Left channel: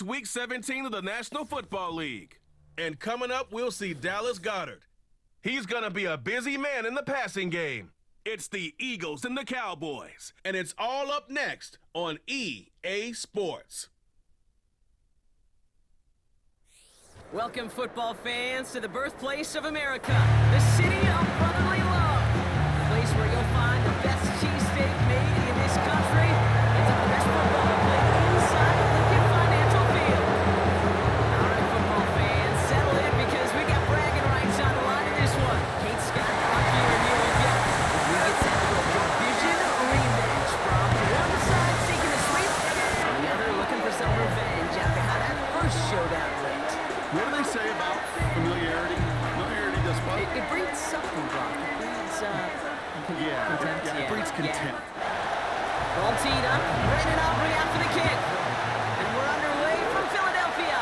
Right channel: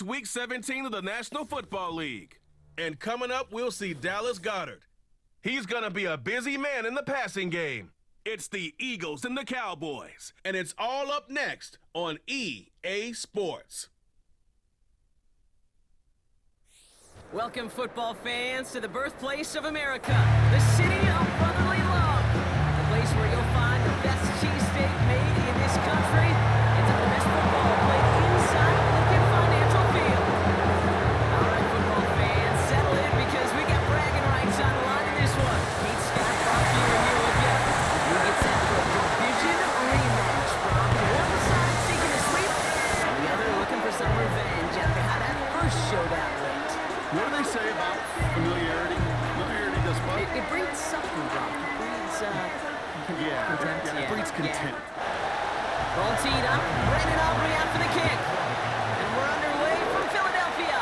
It's Week 17 of the National Football League. And coming up, we'll see Dallas Goedert. He's going to be a busy man in the passing game. It's the Eagles and the Cowboys. And it's all up next on EA Sports. Welcome, football fans, to the birthplace of America, the city of brotherly love. The place where you'll find the best cheesesteak made in this country and some of the best football played inside Lincoln Financial Field. All right, football fans, settle in because we got bragging rights on the line in this one. Kate Scott, Brock here and here with you. We get set for a division rematch, Brock. One side seeking a sweep, and the other looking for some revenge after how that first showdown went. What do they say about familiarity? Familiarity does what? It breeds something, Brock. It breeds, contempt. Yeah, it breeds contempt. Ball teed up. Brandon Aubrey out for the kick. And we're underway from Philadelphia.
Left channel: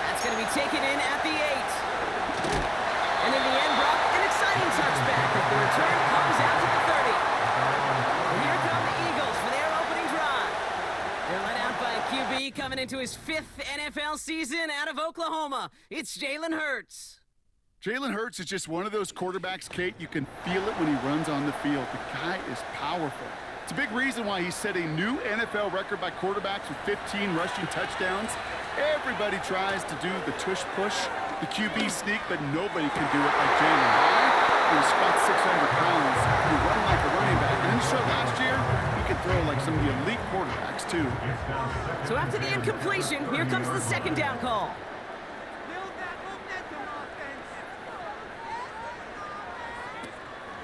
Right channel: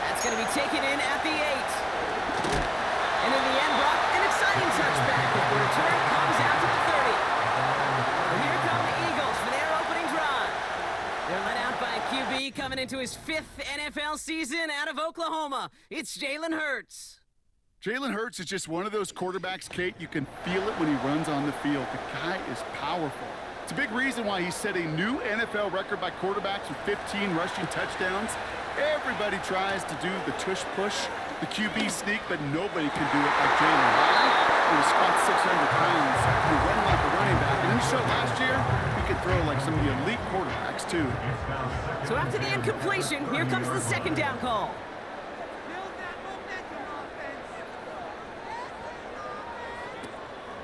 That's going to be taken in at the 8. And in the end, Brock, an exciting touchback as the return comes out to the 30. So here come the Eagles for their opening drive. They're led out by a QB coming into his 5th NFL season out of Oklahoma. It's Jalen Hurts. Jalen Hurts is just one of those quarterbacks, Kate, you can feel it when he runs on the field. The guy is powerful. It's a big reason why he set a new NFL record by quarterbacks with 15 rushing touchdowns. Everybody tries to do the tush-push, the QB sneak, but nobody can do it like Jalen. Why? He squats 600 pounds, you run like a running back, and he showed last year he could throw like some of the elite quarterbacks, too. So after the incompletion, here comes the second down call.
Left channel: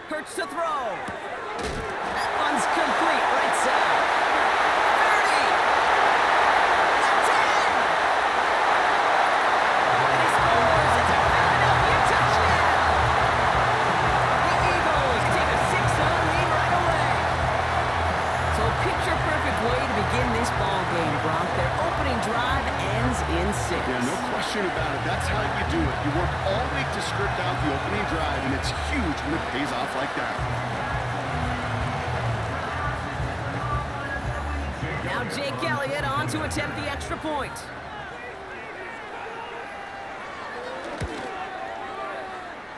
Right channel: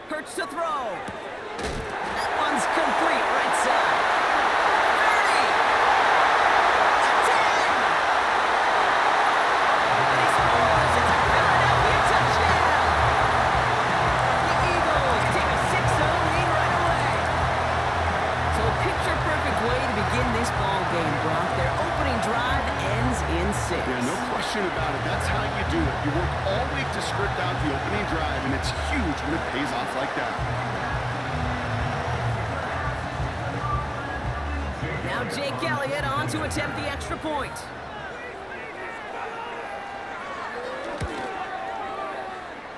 Hurts to throw. That one's complete, right side. 30. 10. And he scores. It's a Philadelphia touchdown. The Eagles take a 6-0 lead right away. So a picture-perfect way to begin this ball game, Brock. Their opening drive ends in 6. Yeah, no question about it. That's how you do it. You work all week to script out the opening drive, and it's huge when it pays off like that. Now Jake Elliott on to attempt the extra point.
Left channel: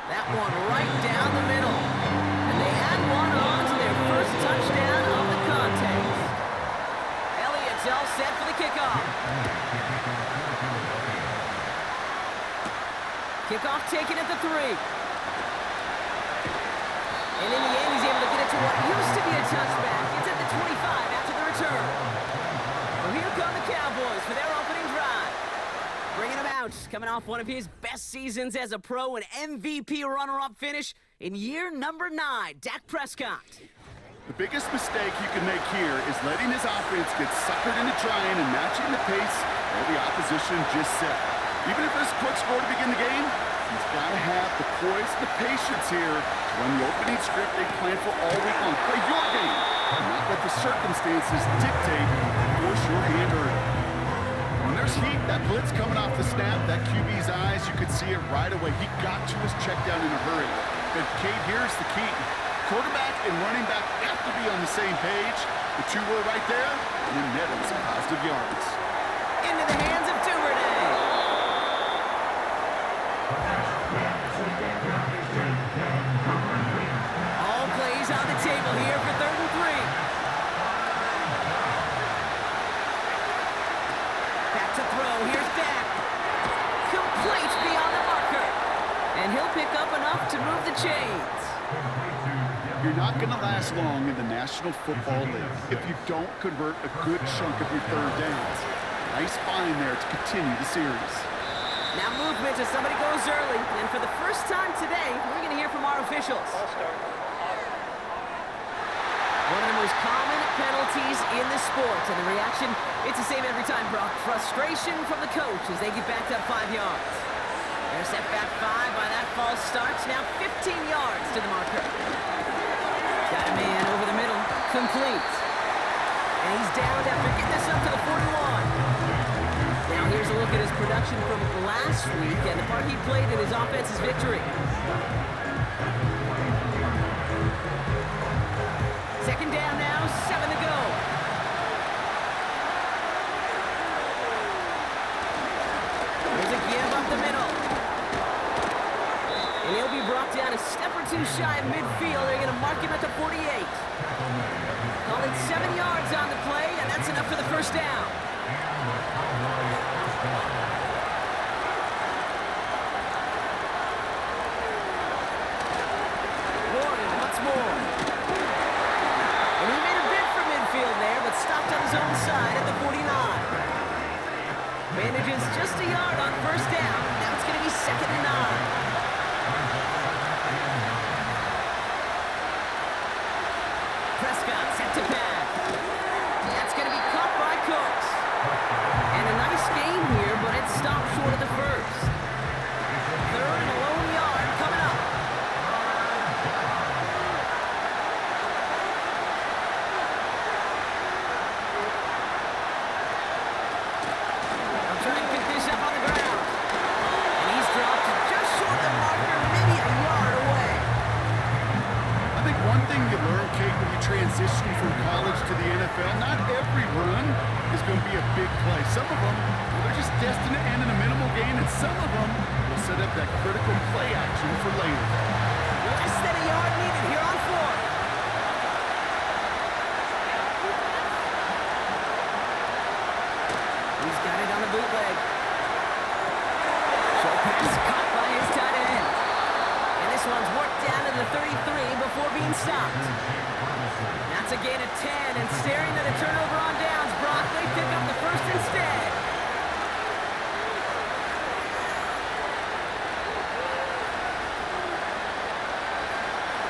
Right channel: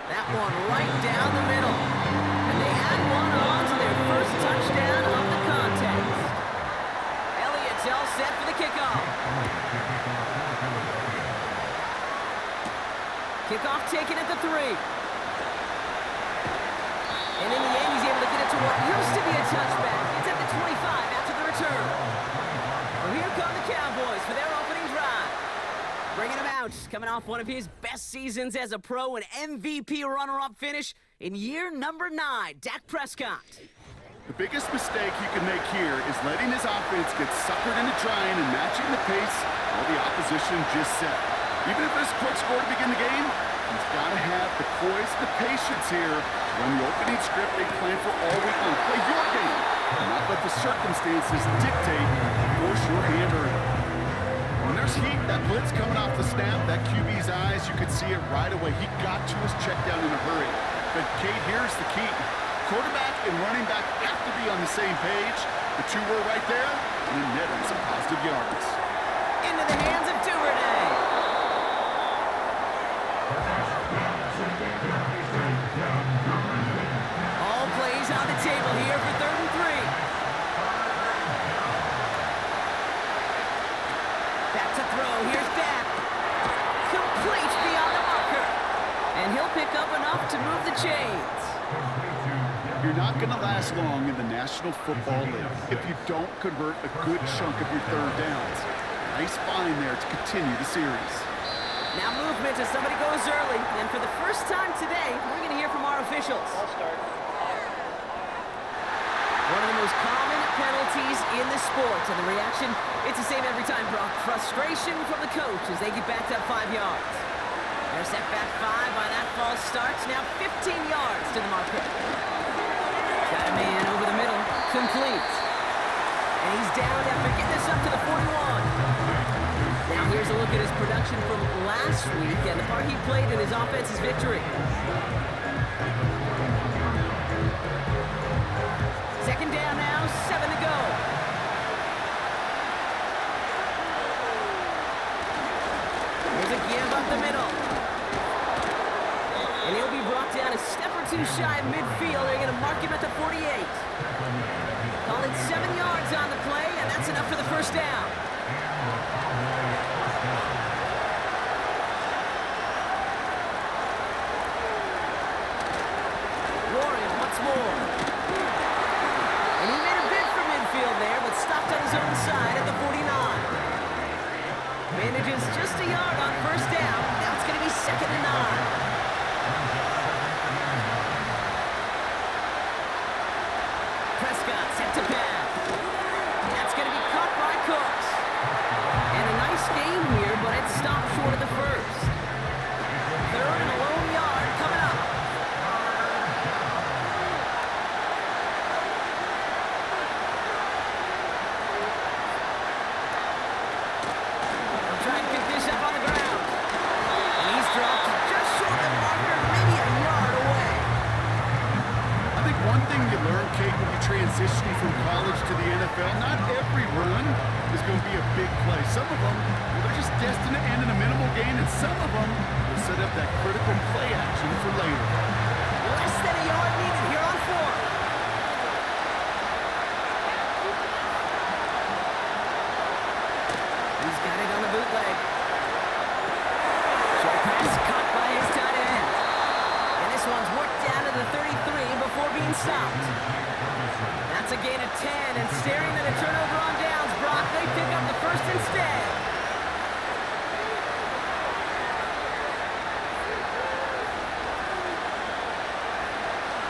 That one right down the middle. And they add one on to their first touchdown of the contest. Elliott's all set for the kickoff. Kickoff taken at the 3. And in the end, he's able to get it to what used to be a touchback. It's at the 25 after the return. So here come the Cowboys for their opening drive. Bringing him out, coming off one of his best seasons as a pro, an MVP runner-up finish in year number 9, Dak Prescott. The biggest mistake you can make here is letting his offense get suckered into trying and matching the pace while the opposition just set. Even if it's a quick score to begin the game, he's got to have the poise and the patience here to run the opening script they plan for all week long. Play your game, and not let the circumstances dictate and force your hand early. When there's heat, that blitz coming off the snap, that QB's eyes, you could see it right away. He got to his check down in a hurry. But Kate, here's the key. Quarterback and running back have to be on the same page. The two were right there, and then netted some positive yards. Into the hands of Duvernay. All plays on the table here for 3rd and 3. Back to throw. Here's Dak. Complete beyond the marker. And he'll pick up enough to move the chains. You're not going to last long in the National Football League if you don't convert a good chunk of your third downs. Nice find there to continue the series. Now movement as somebody goes early. And for the first time today, we're going to hear from our officials. Ball start. One of the most common penalties in the sport. And the reaction, it's the same every time, Brock. Frustration from the coach as they get backed up 5 yards. They're set back 5 by that false start. Now 15 yards to the marker. Got a man over the middle. Complete. And he's downed after getting this up to the 41. Now here's a look at his production from last week and the part he played in his offense's victory. Second down now, 7 to go. be brought down a step or two shy of midfield. They're going to mark him at the 48. Call it 7 yards on the play, and that's enough for the first down. Warren once more. And he made a bid for midfield there, but stopped on his own side at the 49. Manages just a yard on first down. Now it's going to be 2nd and 9. Prescott set to pass. That's going to be caught by Cooks. And a nice game here, but it stopped short of the first. 3rd and a lone yard coming up. They'll try and pick this up on the ground. And he's dropped just short of the marker, maybe a yard away. I think one thing you learn, Kate, when you transition from college to the NFL, not every run is going to be a big play. Some of them, well, they're just destined to end in a minimal gain, and some of them will set up that critical play action for later. Less than a yard needed here on 4th. He's got it on the bootleg. Short pass caught by his tight end. And this one's worked down to the 33 before being stopped. That's a gain of 10, and staring at a turnover on downs, Brock, they pick up the first instead.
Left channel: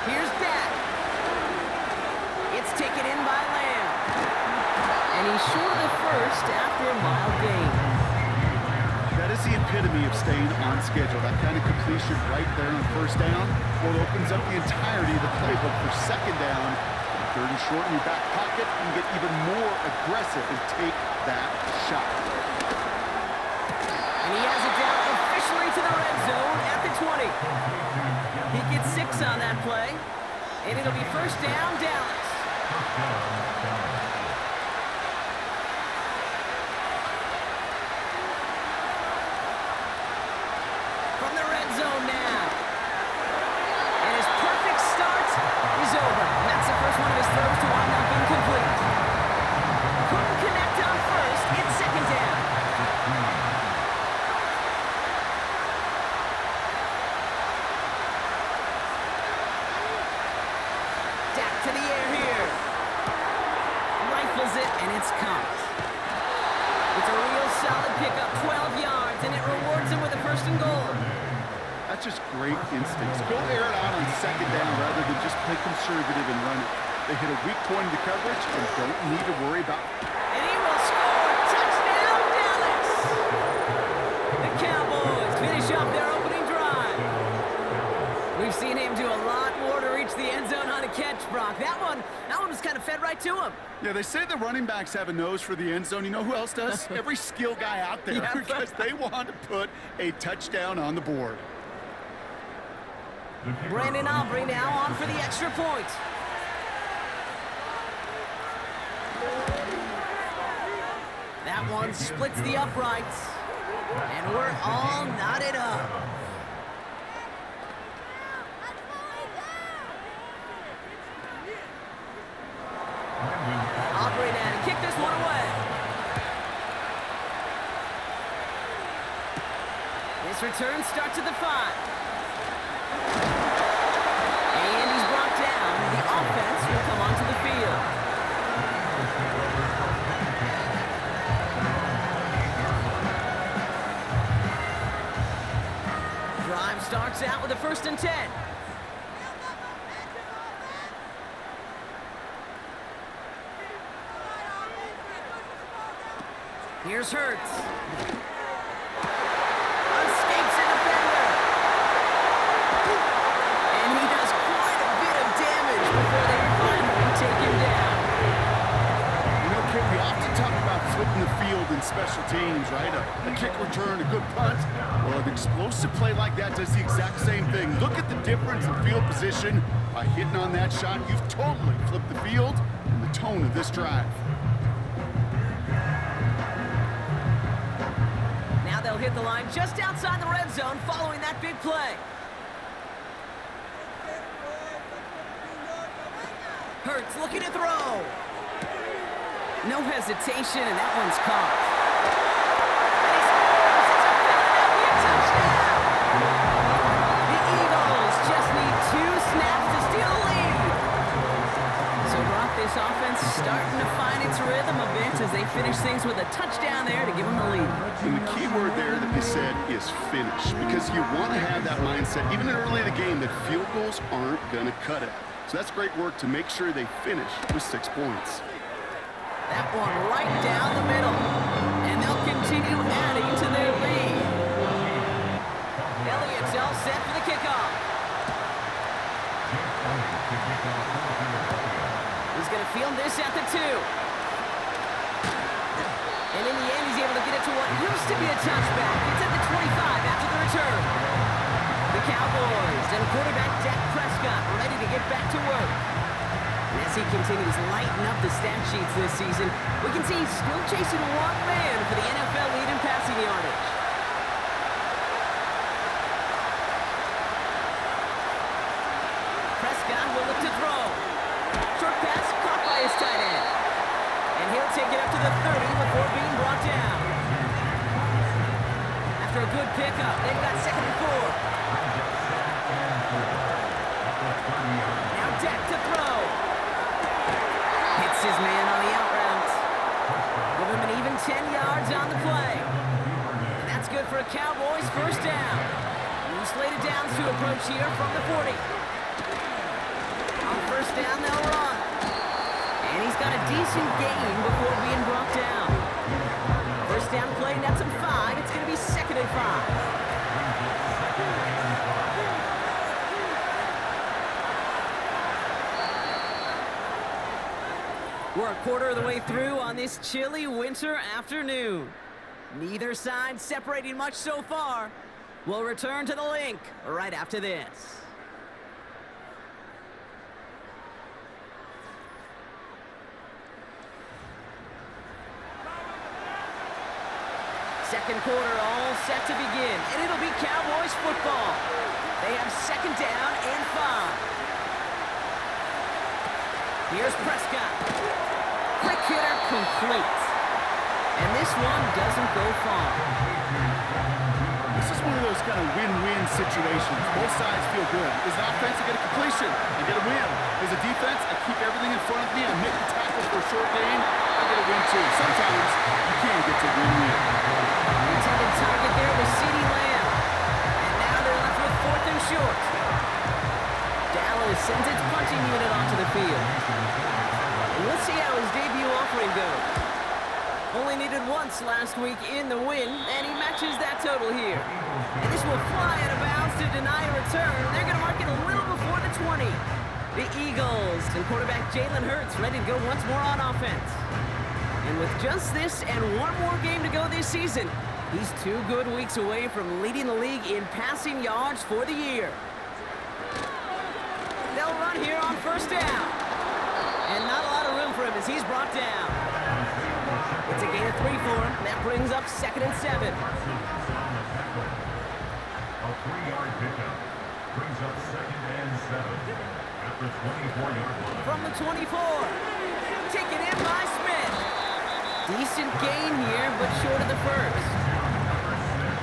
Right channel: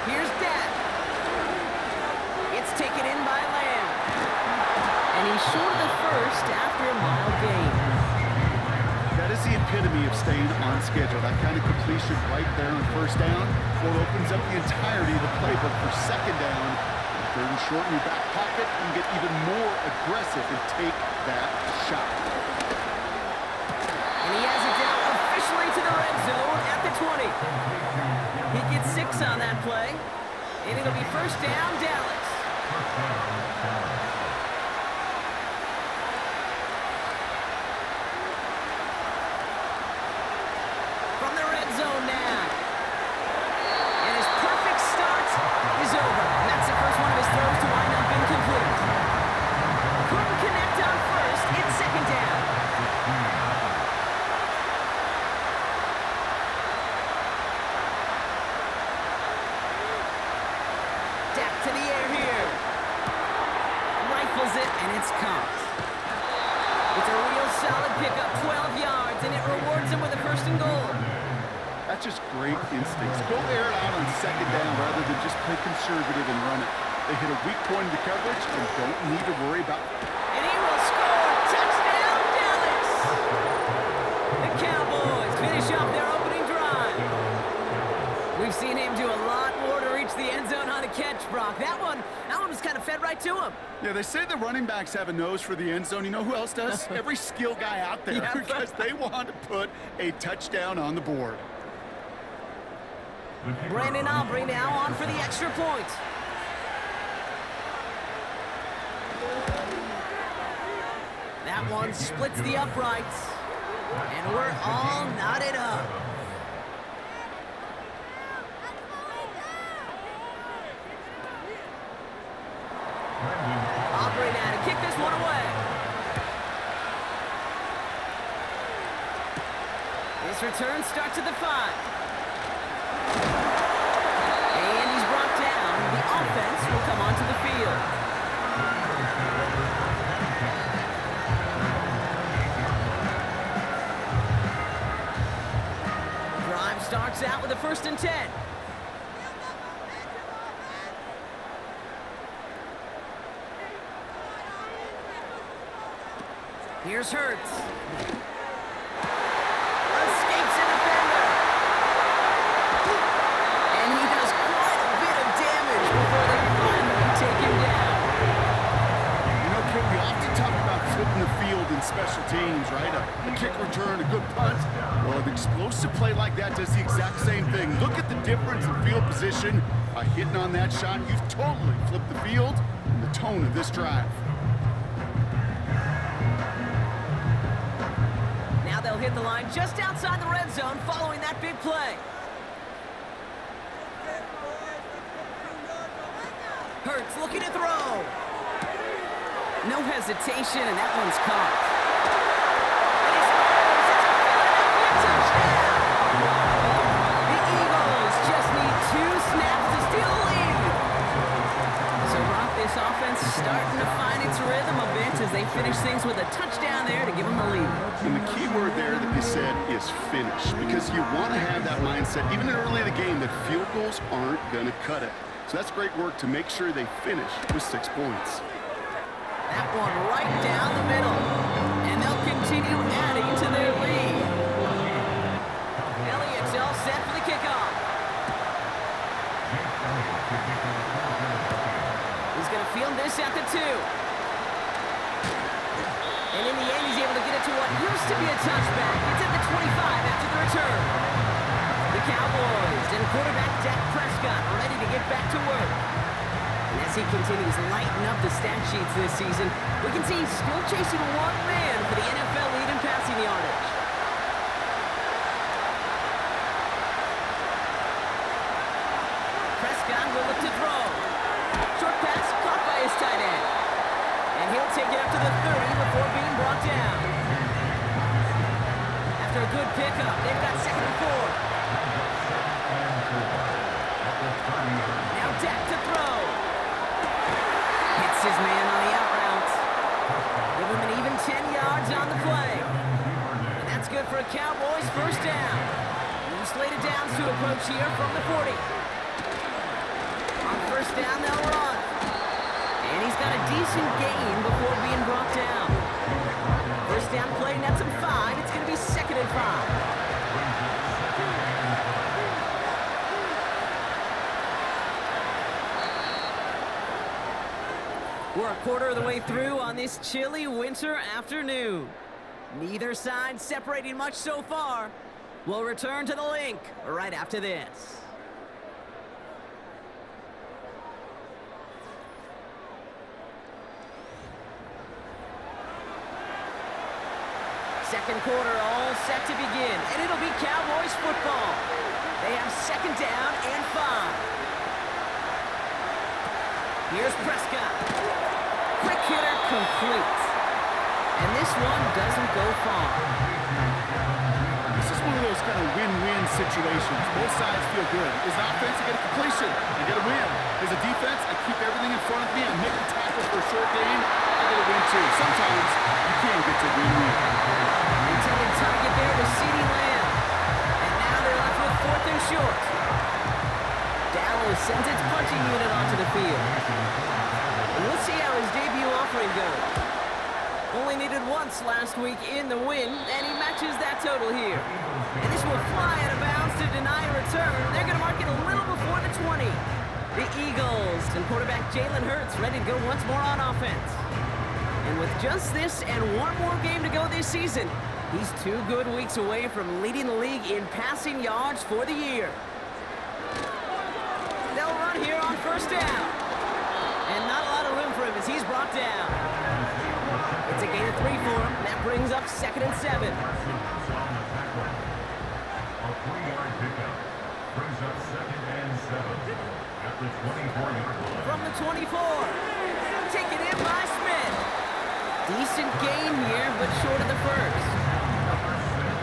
Here's Dak. It's taken in by Lamb. And he's short of the first after a mild gain. That is the epitome of staying on schedule. That kind of completion right there on first down, well, opens up the entirety of the playbook for 2nd down. 3rd and short in your back pocket, and get even more aggressive and take that shot. And he has it down officially to the red zone at the 20. He gets 6 on that play, and it'll be first down, Dallas. From the red zone now. And his perfect start is over. And that's the first one of his throws to wind up incomplete. Couldn't connect on first. It's 2nd down. Dak to the air here. Rifles it, and it's caught. It's a real solid pickup, 12 yards, and it rewards him with a 1st and goal. That's just great instincts. Go air it out on 2nd down rather than just play conservative and run it. They hit a weak point in the coverage and don't need to worry about it. And he will score. Touchdown, Dallas! The Cowboys finish off their opening drive. We've seen him do a lot more to reach the end zone on a catch, Brock. That one was kind of fed right to him. Yeah, they say the running backs have a nose for the end zone. You know who else does? Every skill guy out there, because they want to put a touchdown on the board. Brandon Aubrey now on for the extra point. That one splits the uprights. And we're all knotted up. Aubrey now to kick this one away. This return starts at the 5. And he's brought down. The offense will come onto the field. Drive starts out with a 1st and 10. Here's Hurts. Escapes a defender. And he does quite a bit of damage before they finally take him down. You know, Kit, we often talk about flipping the field in special teams, right? A kick return, a good punt. Well, an explosive play like that does the exact same thing. Look at the difference in field position. By hitting on that shot, you've totally flipped the field and the tone of this drive. Now they'll hit the line just outside the red zone following that big play. Hurts looking to throw. No hesitation, and that one's caught. And he scores! It's a Philadelphia touchdown! The Eagles just need 2 snaps to steal the lead. So, Brock, this offense starting to find its rhythm a bit as they finish things with a touchdown there to give them the lead. And the key word there that you said is finish, because you want to have that mindset, even early in the game, that field goals aren't going to cut it. So that's great work to make sure they finish with 6 points. That one right down the middle. And they'll continue adding to their lead. Elliott's all set for the kickoff. He's going to field this at the 2. And in the end, he's able to get it to what used to be a touchback. It's at the 25 after the return. The Cowboys and quarterback Dak Prescott ready to get back to work. And as he continues lighting up the stat sheets this season, we can see he's still chasing one man for the NFL lead in passing yardage. Prescott will look to throw. Short pass caught by his tight end. And he'll take it up to the 30 before being brought down. After a good pickup, they've got 2nd and 4. Now Dak to throw. Hits his man on the out route. Give him an even 10 yards on the play. And that's good for a Cowboys first down. New slated downs to approach here from the 40. On first down, they'll run. And he's got a decent gain before being brought down. First down play, nets him 5. It's going to be 2nd and 5. We're a quarter of the way through on this chilly winter afternoon. Neither side separating much so far. We'll return to the link right after this. Second quarter all set to begin, and it'll be Cowboys football. They have 2nd down and 5. Here's Prescott. Quick hitter complete. And this one doesn't go far. This is one of those kind of win-win situations. Both sides feel good. As an offense, I get a completion. I get a win. As a defense, I keep everything in front of me. I make the tackle for a short gain. I get a win, too. Sometimes you can get to win-win. The intended target there was CeeDee Lamb. And now they're left with 4th and short. Dallas sends its punching unit onto the field. And we'll see how his debut offering goes. Only needed once last week in the win, and he matches that total here. And this will fly out of bounds to deny a return. They're going to mark it a little before the 20. The Eagles and quarterback Jalen Hurts ready to go once more on offense. And with just this and one more game to go this season, he's 2 good weeks away from leading the league in passing yards for the year. They'll run here on first down. And not a lot of room for him as he's brought down. It's a gain of 3 for him. That brings up 2nd and 7. A 3-yard pickup brings up 2nd and 7 at the 24-yard line. From the 24. Taken in by Smith. Decent gain here, but short of the first.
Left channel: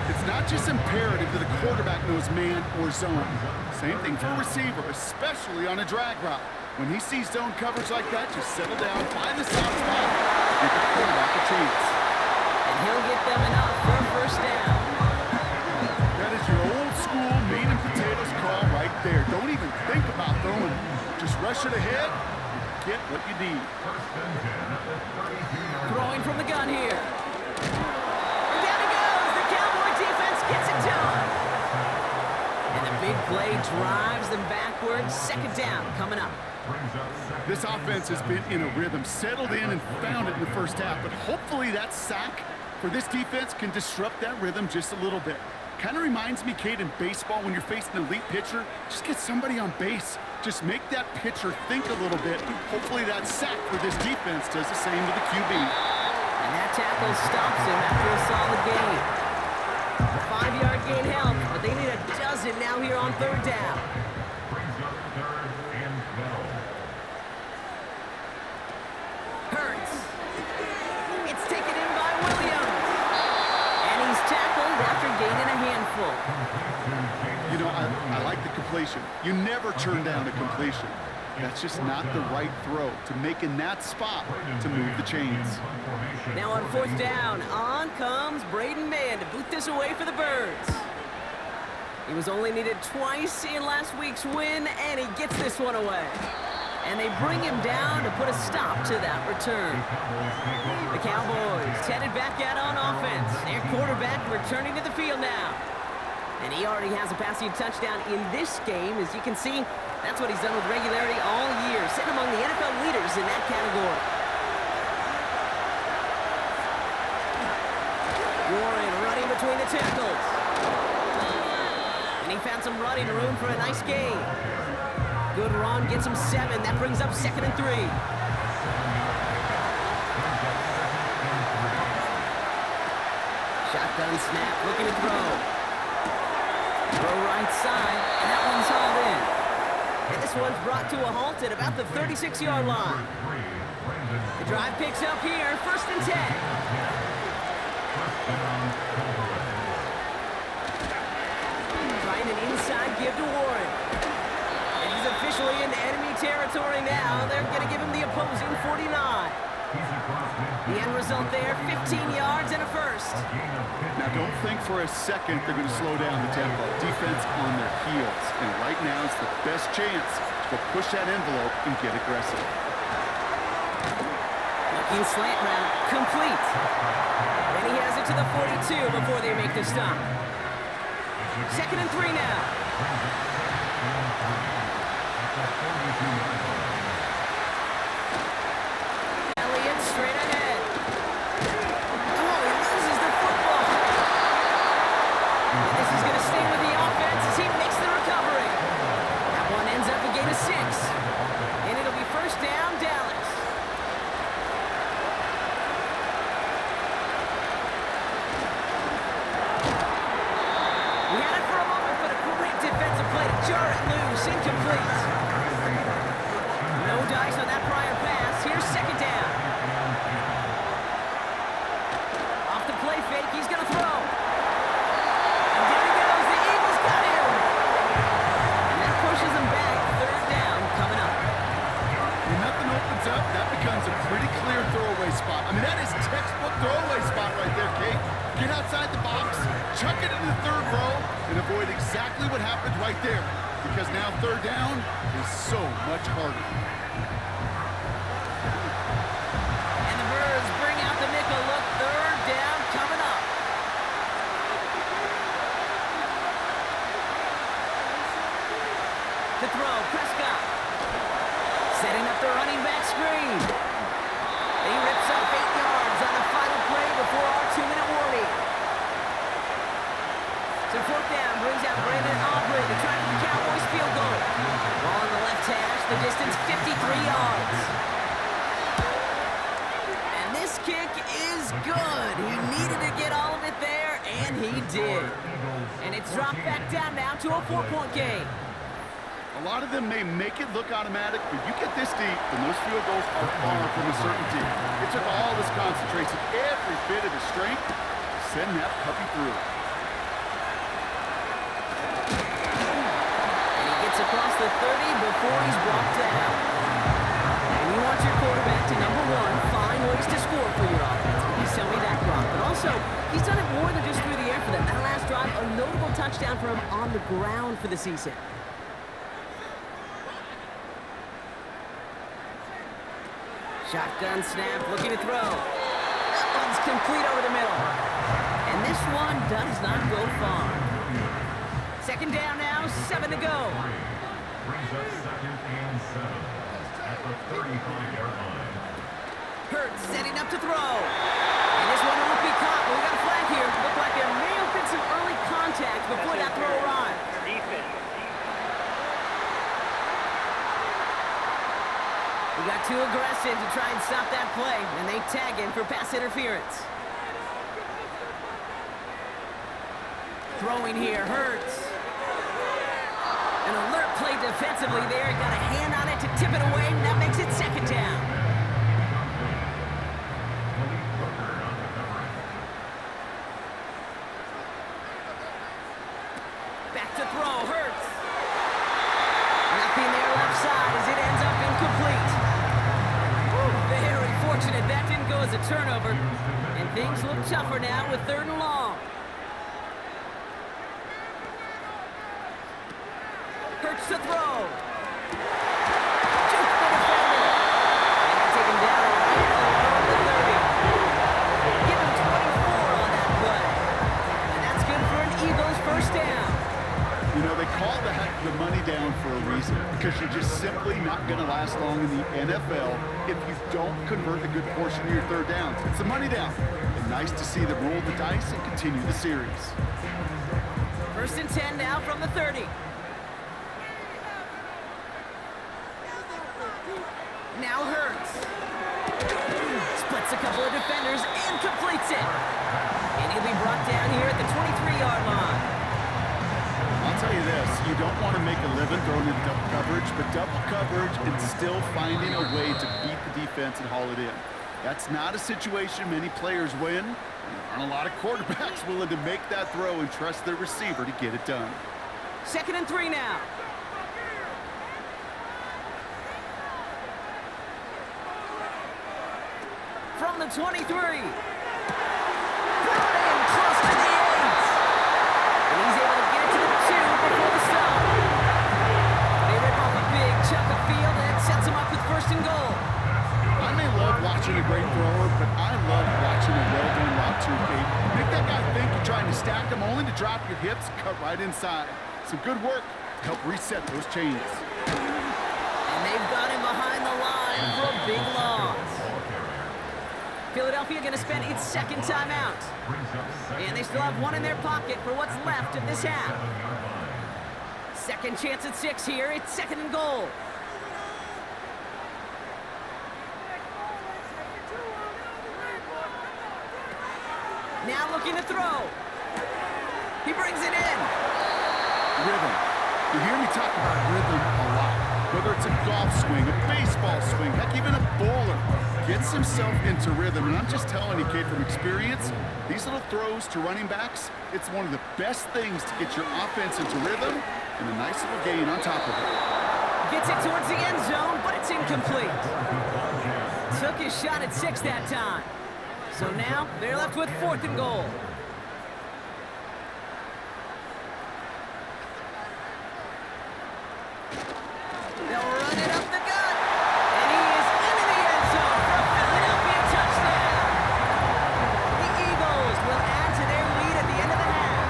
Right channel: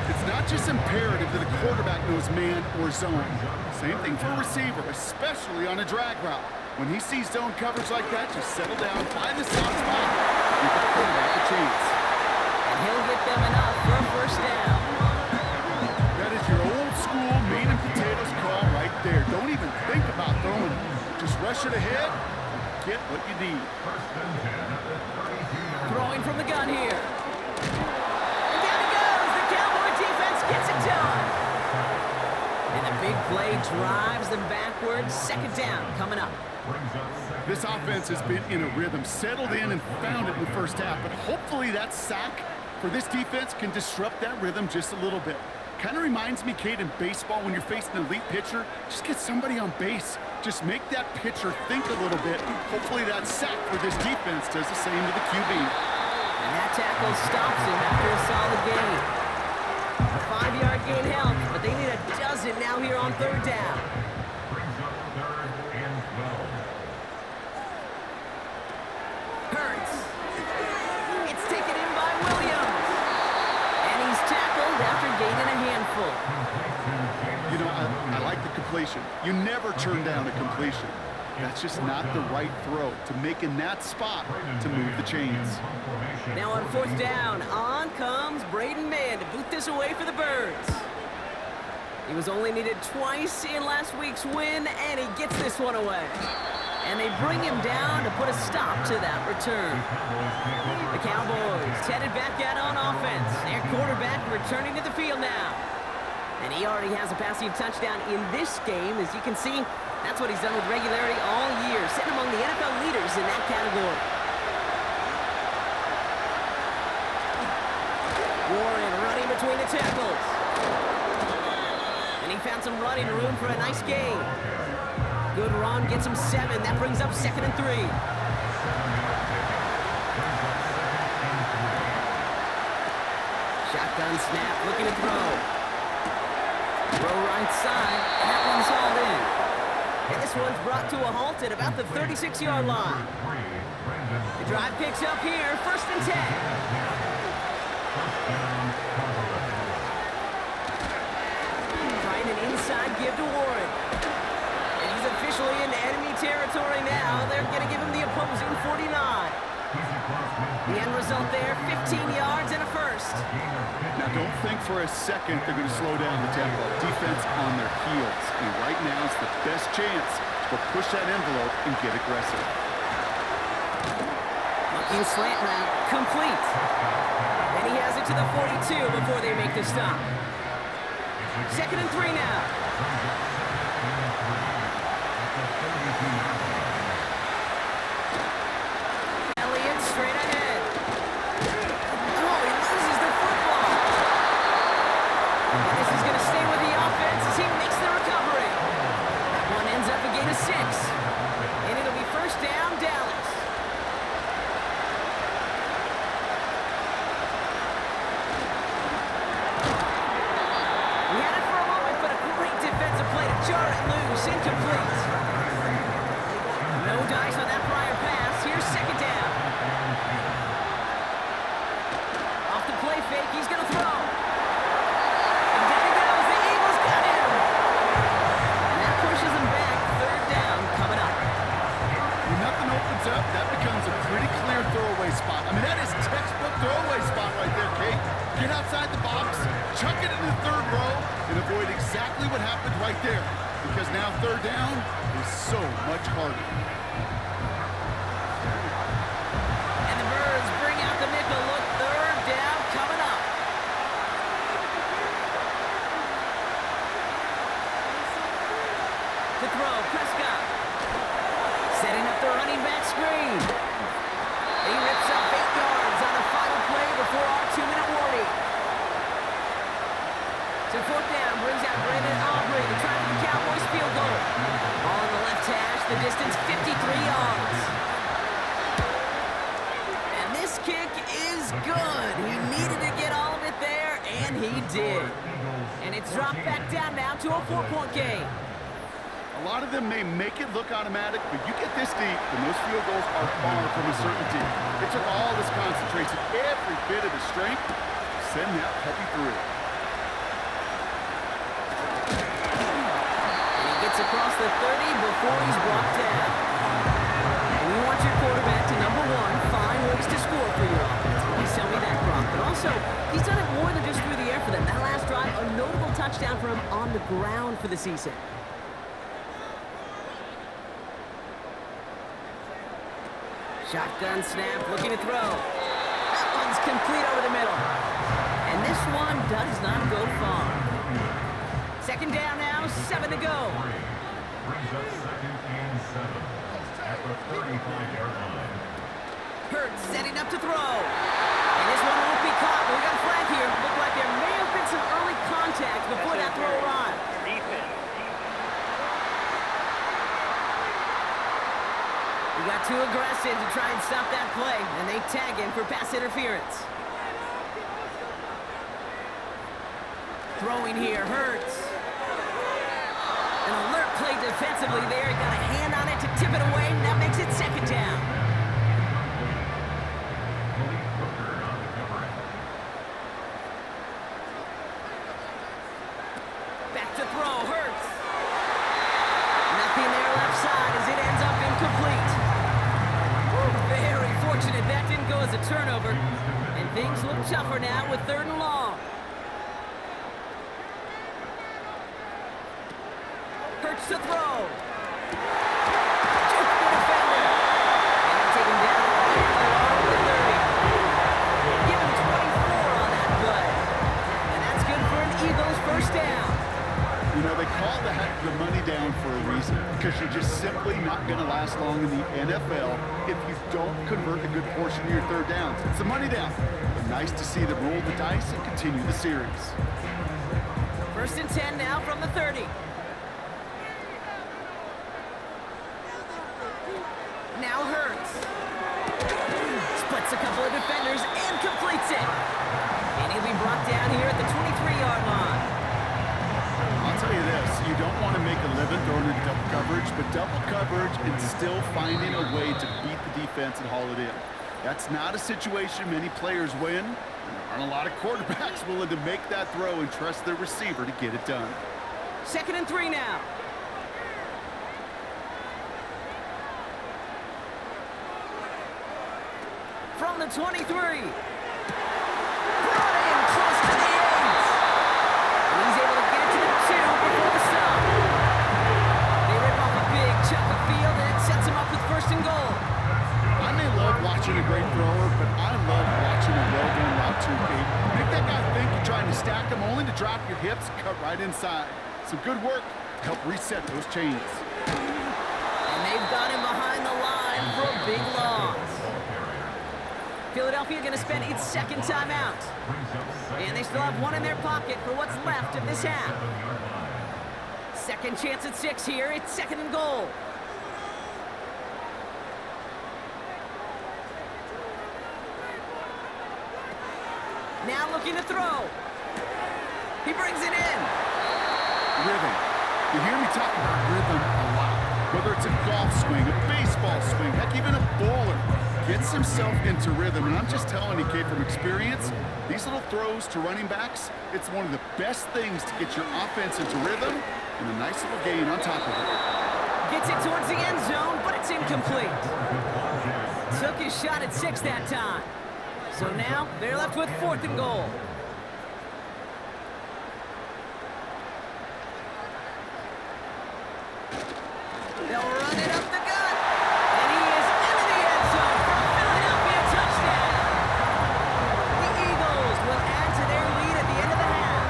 It's not just imperative that the quarterback knows man or zone. Same thing for a receiver, especially on a drag route. When he sees zone coverage like that, just settle down, find the soft spot, give the quarterback a chance. And he'll get them enough for a first down. That is your old school meat and potatoes call right there. Don't even think about throwing it. Just rush it ahead and get what you need. Throwing from the gun here. And down he goes. The Cowboy defense gets it done. And the big play drives them backwards. 2nd down coming up. This offense has been in a rhythm, settled in and found it in the first half, but hopefully that sack for this defense can disrupt that rhythm just a little bit. Kind of reminds me, Kate, in baseball when you're facing an elite pitcher, just get somebody on base. Just make that pitcher think a little bit. Hopefully that sack for this defense does the same to the QB. And that tackle stops him after a solid gain. A 5-yard gain helps, but they need a dozen now here on 3rd down. Brings up 3rd and 12. careful. You know, I like the completion. You never turn down a completion. That's just not the right throw to make in that spot to move the chains. Now on 4th down, on comes Braden Mann to boot this away for the Birds. He was only needed twice in last week's win, and he gets this one away. And they bring him down to put a stop to that return. The Cowboys headed back out on offense. Their quarterback returning to the field now. And he already has a passing touchdown in this game. As you can see, that's what he's done with regularity all year, sitting among the NFL leaders in that category. Warren running between the tackles. And he found some running room for a nice gain. Good run, gets him 7. That brings up 2nd and 3. Shotgun snap, looking to throw. Throw right side, and that one's hauled in. And this one's brought to a halt at about the 36-yard line. The drive picks up here, 1st and 10. Trying an inside give to Warren. And he's officially in enemy territory now. They're going to give him the opposing 49. The end result there, 15 yards and a first. Now, don't think for a second they're going to slow down the tempo. Defense on their heels. And right now it's the best chance to go push that envelope and get aggressive. Looking slant route, complete. And he has it to the 42 before they make the stop. 2nd and 3 now. Elliott straight ahead. Oh, he loses the football. And this is going to stay with the offense as he makes the recovery. That one ends up a gain of 6. And it'll be 1st down, Dallas. We had it for a moment, but a great defensive play to jar it loose, incomplete. No dice on that prior pass. Here's 2nd down. Off the play fake, he's going to throw. And down he goes. The Eagles got him. And that pushes him back. 3rd down coming up. When nothing opens up, that becomes a pretty clear throwaway spot. I mean, that is textbook throwaway spot right there, Kate. Get outside the box, chuck it in the 3rd row, and avoid exactly what happened right there. Because now 3rd down is so much harder. And the Birds bring out the nickel look. 3rd down coming up. To throw, Prescott. Setting up the running back screen. He rips up 8 yards on the final play before our 2-minute warning. So 4th down brings out Brandon Aubrey to try for the Cowboys field goal. Ball in the left hash, the distance 53 yards. And this kick is good. He needed to get all of it there, and he did. And it's dropped back down now to a 4-point game. A lot of them may make it look automatic, but you get this deep, and those field goals are far from a certainty. It took all his concentration, every bit of his strength, to send that puppy through. And he gets across the 30 before he's brought down. And you want your quarterback to, number 1, find ways to score for your offense. Please tell me that, Brock. But also, he's done it more than just through the air for them. That last drive, a notable touchdown for him on the ground for the season. Shotgun snap, looking to throw. That one's complete over the middle. And this one does not go far. 2nd down now, 7 to go. Brings up 2nd and 7 at the 35-yard line. Hurts setting up to throw. And this one won't be caught, but we got a flag here. Looked like there may have been some early contact before that throw arrived. He got too aggressive to try and stop that play, and they tag him for pass interference. Throwing here, Hurts. An alert play defensively there. Got a hand on it to tip it away, and that makes it 2nd down. Nothing there left side as it ends up incomplete. Very fortunate that didn't go as a turnover. And things look tougher now with 3rd and long. Hurts to throw. Juke the defender. And they take him down right along the 30. Give him 24 on that play. And that's good for an Eagles first down. You know, they call that the money down for a reason, because you're just simply not going to last long in the NFL if you don't convert a good portion of your 3rd downs. It's the money down. And nice to see them roll the dice and continue the series. 1st and 10 now from the 30. Now Hurts. Splits a couple of defenders and completes it. And he'll be brought down here at the 23-yard line. I'll tell you this, you don't want to make a living throwing into double coverage, but double coverage and still finding a way to beat the defense and haul it in. That's not a situation many players win. And there aren't a lot of quarterbacks willing to make that throw and trust their receiver to get it done. 2nd and 3 now. From the 23. Brought in close to the 8. And he's able to get it to the 2 before the stop. They rip off a big chunk of field and it sets him up with 1st and goal. I may love watching a great thrower, but I love watching a well-done route too, Kate. Make that guy think you're trying to stack him only to drop your hips and cut right inside. Some good work to help reset those chains. And they've got him behind the line for a big loss. Philadelphia going to spend its 2nd timeout. And they still have 1 in their pocket for what's left of this half. 2nd chance at 6 here. It's 2nd and goal. Now looking to throw. He brings it in. Rhythm. You hear me talk about rhythm a lot. Whether it's a golf swing, a baseball swing, heck, even a bowler gets himself into rhythm. And I'm just telling you, Kate, from experience, these little throws to running backs, it's one of the best things to get your offense into rhythm and a nice little gain on top of it. Gets it towards the end zone, but it's incomplete. Took his shot at 6 that time. So now they're left with 4th and goal. They'll run it up the gut. And he is into the end zone for a Philadelphia touchdown. The Eagles will add to their lead at the end of the half.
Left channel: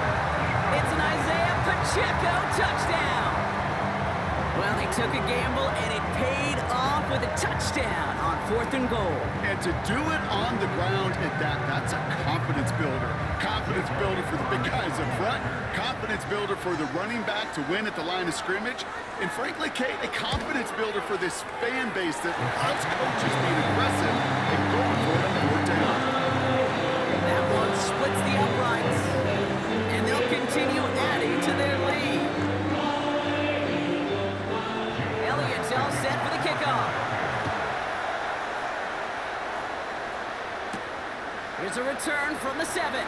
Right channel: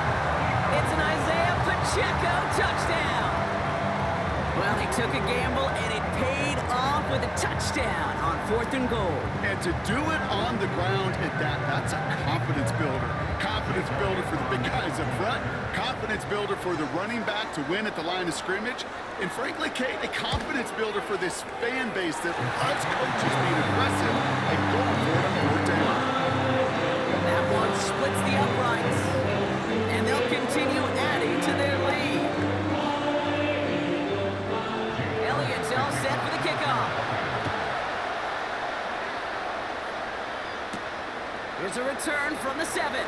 It's an Isaiah Pacheco touchdown. Well, they took a gamble, and it paid off with a touchdown on 4th and goal. And to do it on the ground at that's a confidence builder. Confidence builder for the big guys up front. Confidence builder for the running back to win at the line of scrimmage. And frankly, Kate, a confidence builder for this fan base that loves coaches being aggressive and going for it on 4th down. That one splits the uprights. And they'll continue adding to their lead. Elliott's all set for the kickoff. Here's a return from the 7.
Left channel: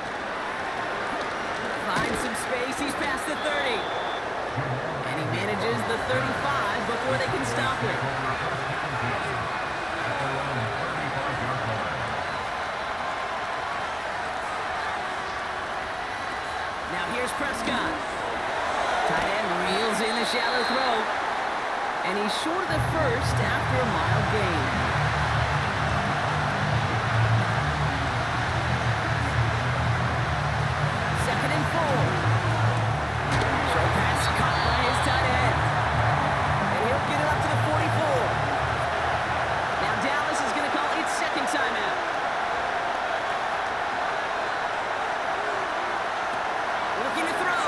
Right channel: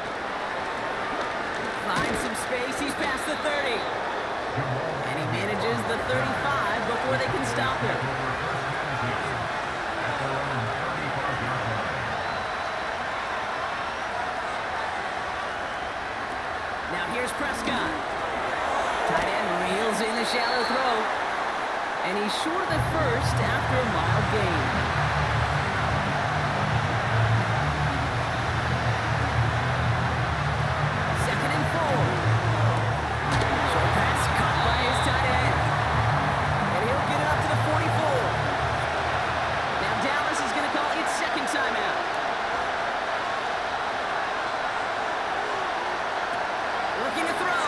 Finds some space, he's past the 30. And he manages the 35 before they can stop him. Now here's Prescott. Tight end reels in the shallow throw. And he's short of the 1st after a mild gain. Second and 4. Short pass caught by his tight end. And he'll get it up to the 44. Now Dallas is going to call its 2nd timeout. Looking to throw.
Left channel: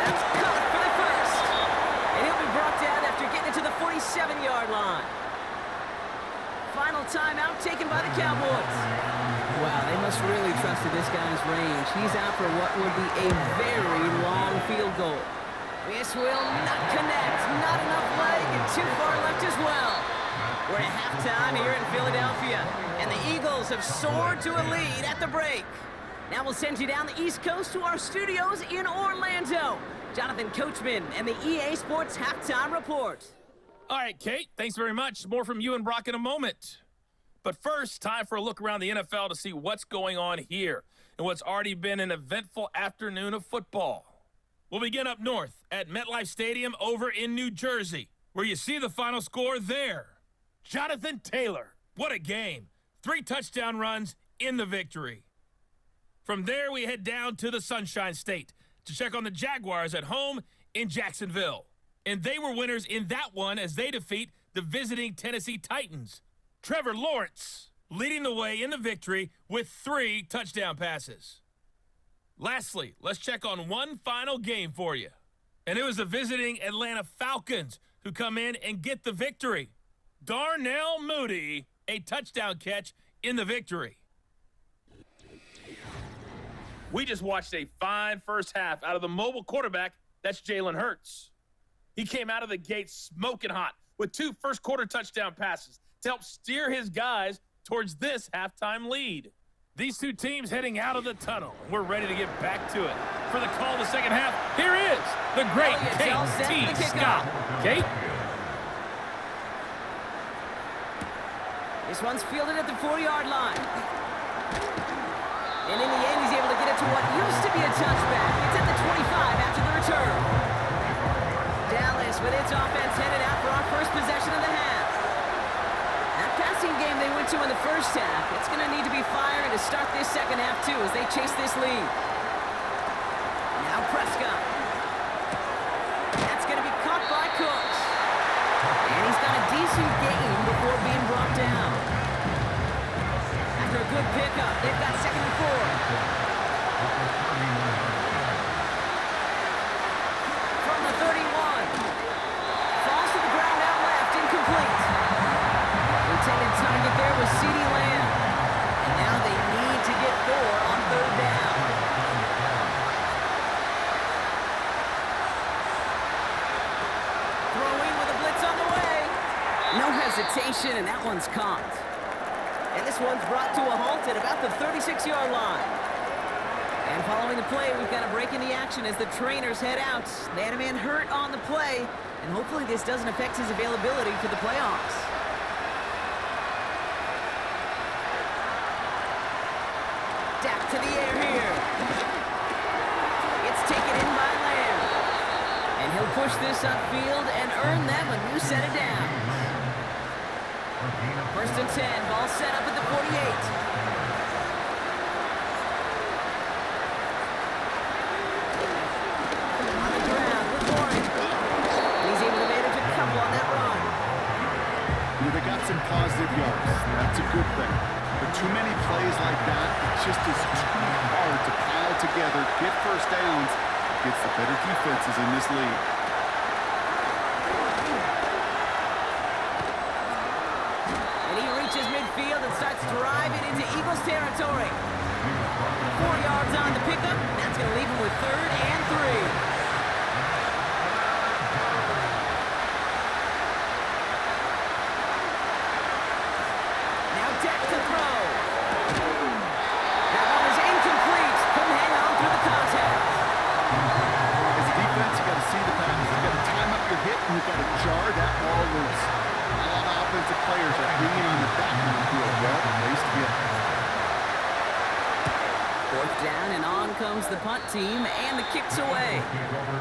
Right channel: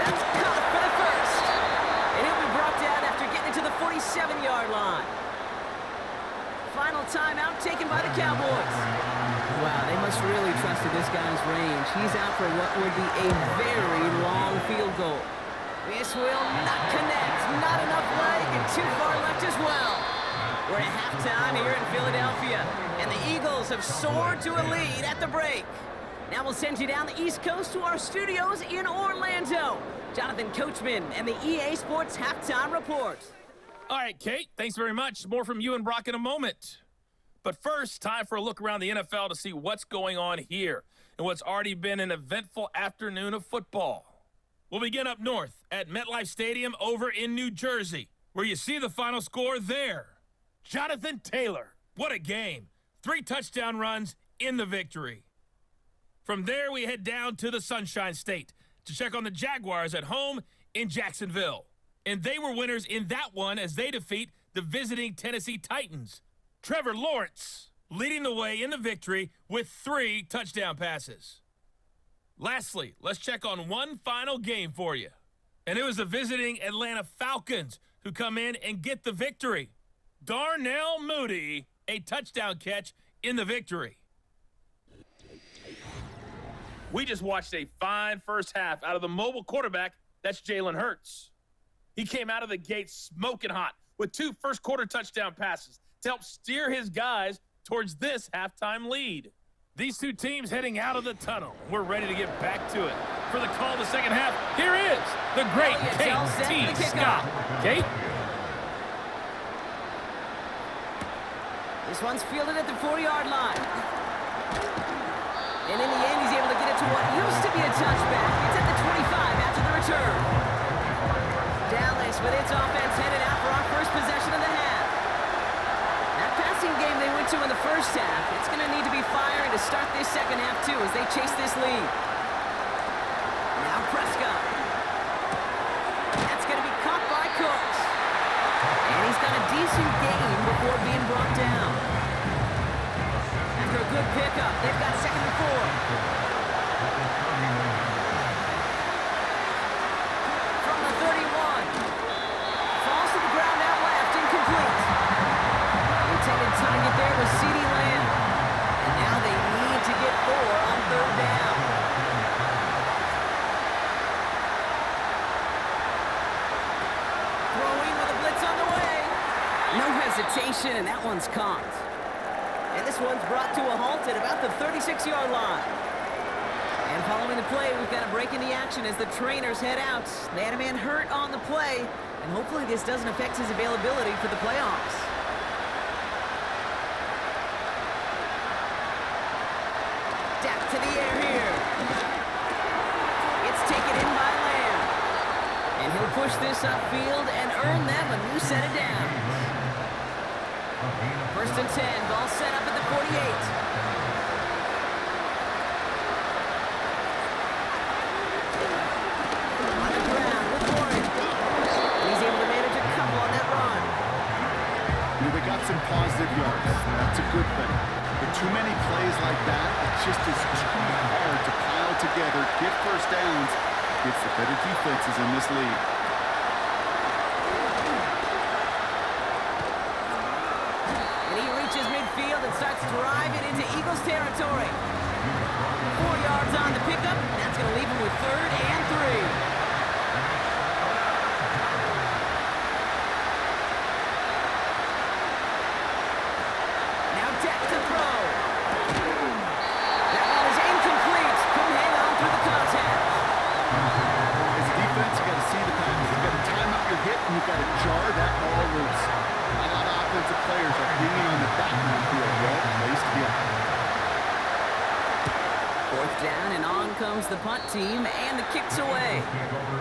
That's caught for the 1st. And he'll be brought down after getting it to the 47-yard line. Final timeout taken by the Cowboys. Wow, they must really trust in this guy's range. He's out for what would be a very long field goal. This will not connect. Not enough leg and too far left as well. We're at halftime here in Philadelphia, and the Eagles have soared to a lead at the break. Now we'll send you down the East Coast to our studios in Orlando Jonathan Coachman and the EA Sports Halftime Report. All right, Kate, thanks very much. More from you and Brock in a moment. But first, time for a look around the NFL to see what's going on here in what's already been an eventful afternoon of football. We'll begin up north at MetLife Stadium over in New Jersey, where you see the final score there. Jonathan Taylor, what a game. 3 touchdown runs in the victory. From there, we head down to the Sunshine State to check on the Jaguars at home in Jacksonville. And they were winners in that one as they defeat the visiting Tennessee Titans. Trevor Lawrence leading the way in the victory with 3 touchdown passes. Lastly, let's check on one final game for you. And it was the visiting Atlanta Falcons who come in and get the victory. Darnell Mooney, a touchdown catch in the victory. We just watched a fine first half out of the mobile quarterback, that's Jalen Hurts. He came out of the gate smoking hot with 2 first-quarter touchdown passes to help steer his guys towards this halftime lead. These 2 teams heading out of the tunnel. We're ready to get back to it. For the call of the second half, here is the great Kate T. Scott. Kate? This one's fielded at the 4-yard line. And in the end, he's able to get it to what used to be a touchback. It's at the 25 after the return. Dallas with its offense headed out for our first possession of the half. That passing game they went to in the first half, it's going to need to be firing to start this second half too as they chase this lead. Now Prescott. That's going to be caught by Cooks. And he's got a decent gain before being brought down. After a good pickup, they've got 2nd and 4. From the 31. Falls to the ground out left, incomplete. Intended target there was CeeDee Lamb. And now they need to get 4 on 3rd down. Throwing with a blitz on the way. No hesitation, and that one's caught. And this one's brought to a halt at about the 36-yard line. And following the play, we've got a break in the action as the trainers head out. They had a man hurt on the play, and hopefully this doesn't affect his availability for the playoffs. Dak to the air here. It's taken in by Lamb. And he'll push this upfield and earn them a new set of downs. 1st and 10, ball set up at the 48. On the ground with Warren. And he's able to manage a couple on that run. You know, they got some positive yards. That's a good thing. But too many plays like that, it just is too hard to pile together, get first downs against the better defenses in this league. Midfield and starts driving into Eagles territory. 4 yards on the pickup. That's going to leave him with 3rd and 3. Now Dak to throw. That one is incomplete. Couldn't hang on through the contact. As a defense, you got to see the pass. You got to time up your hit, and you got to jar that ball loose. A lot of offensive players are hanging on the background field. Well placed here. 4th down, and on comes the punt team, and the kick's away.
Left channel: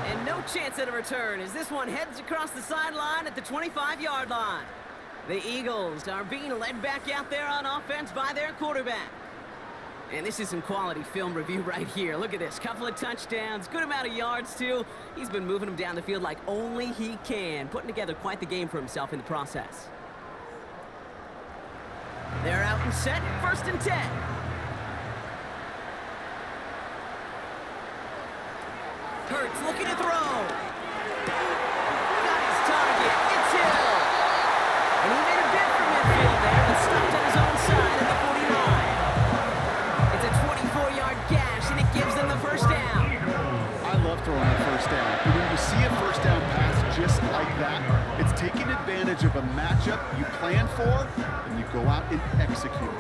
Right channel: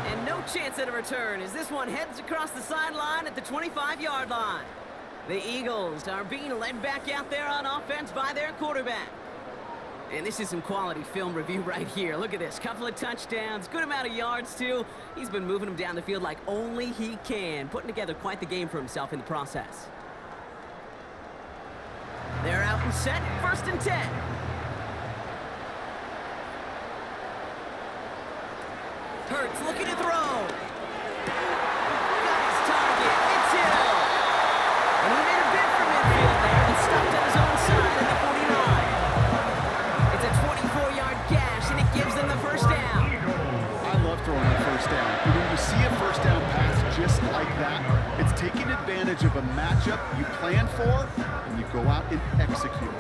And no chance at a return as this one heads across the sideline at the 25-yard line. The Eagles are being led back out there on offense by their quarterback. And this is some quality film review right here. Look at this. Couple of touchdowns, good amount of yards, too. He's been moving them down the field like only he can, putting together quite the game for himself in the process. They're out and set. 1st and 10. Hurts looking to throw. Got his target. It's Hill. And he made a bid for midfield there, but stopped on his own side at the 49. It's a 24-yard gash, and it gives them the first down. I love throwing a first down. When you see a first down pass just like that, it's taking advantage of a matchup you plan for, and you go out and execute.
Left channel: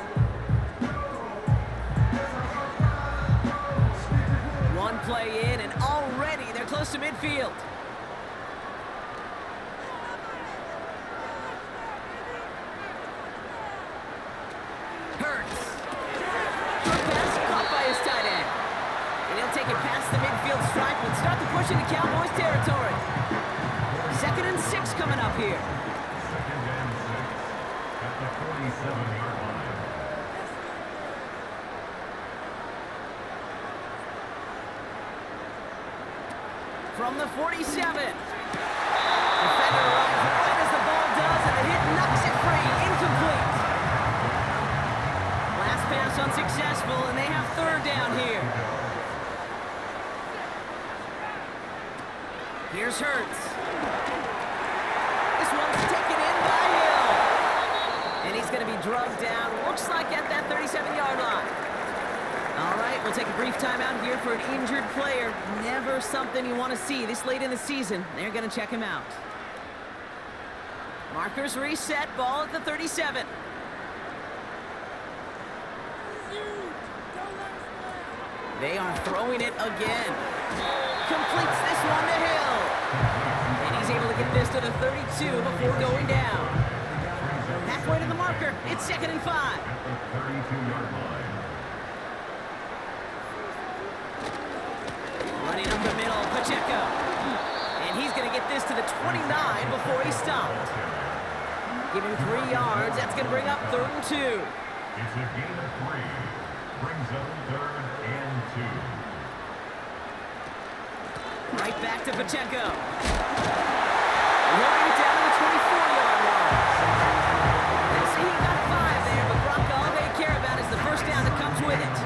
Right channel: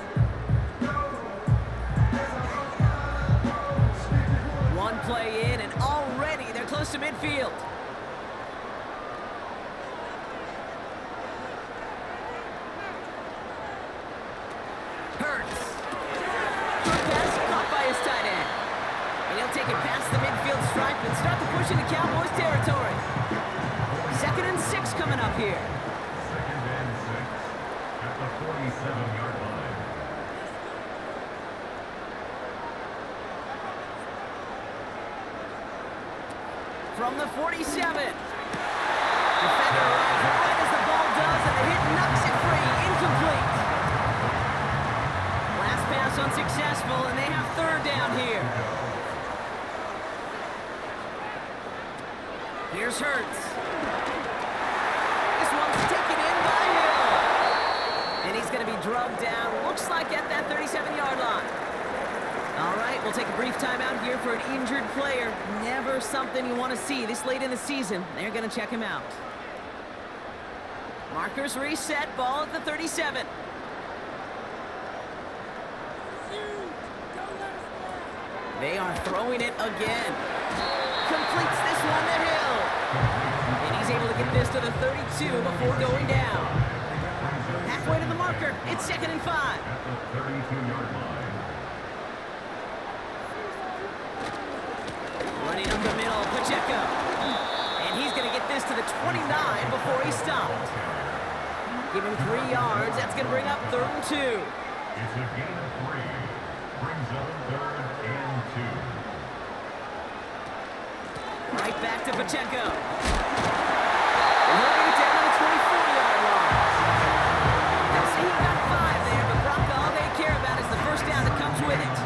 One play in, and already they're close to midfield. Hurts. Short pass caught by his tight end. And he'll take it past the midfield stripe and start the push into Cowboys territory. 2nd and 6 coming up here. 2nd and 6 at the 47-yard line. From the 47. Defender arrives right as the ball does, and the hit knocks it free. Incomplete. Last pass unsuccessful, and they have 3rd down here. Here's Hurts. This one's taken in by Hill. And he's going to be drugged down, looks like at that 37-yard line. All right, we'll take a brief timeout here for an injured player. Never something you want to see this late in the season. They're going to check him out. Markers reset, ball at the 37. They are throwing it again. Completes this one to Hill. And he's able to get this to the 32 before going down. Halfway to the marker, it's 2nd and 5. At the 32-yard line. Running up the middle, Pacheco. And he's going to get this to the 29 before he stopped. Give him 3 yards. That's going to bring up 3rd and 2. It's a gain of 3. Brings up 3rd and 2. Right back to Pacheco. And he'll get it down to the 24-yard line. Now see, he got 5 there, but Brock, all they care about is the 1st down that comes with it.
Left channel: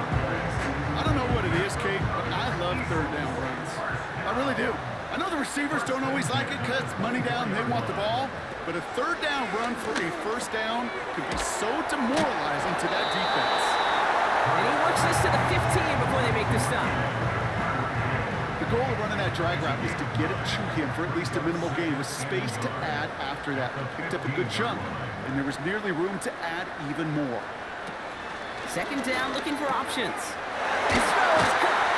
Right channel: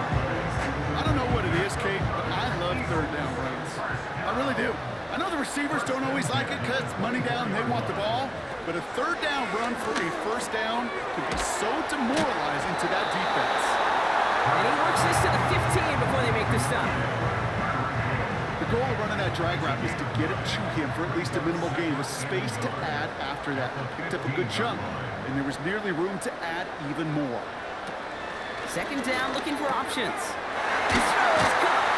I don't know what it is, Kate, but I love 3rd down runs. I really do. I know the receivers don't always like it because it's money down and they want the ball, but a 3rd down run for a 1st down could be so demoralizing to that defense. And he works this to the 15 before they make the stop. The goal of running that drag route is to get it to him for at least a minimal gain with space to add after that. He picked up a good chunk, and there was nearly room to add even more. 2nd down, looking for options. This throw is caught.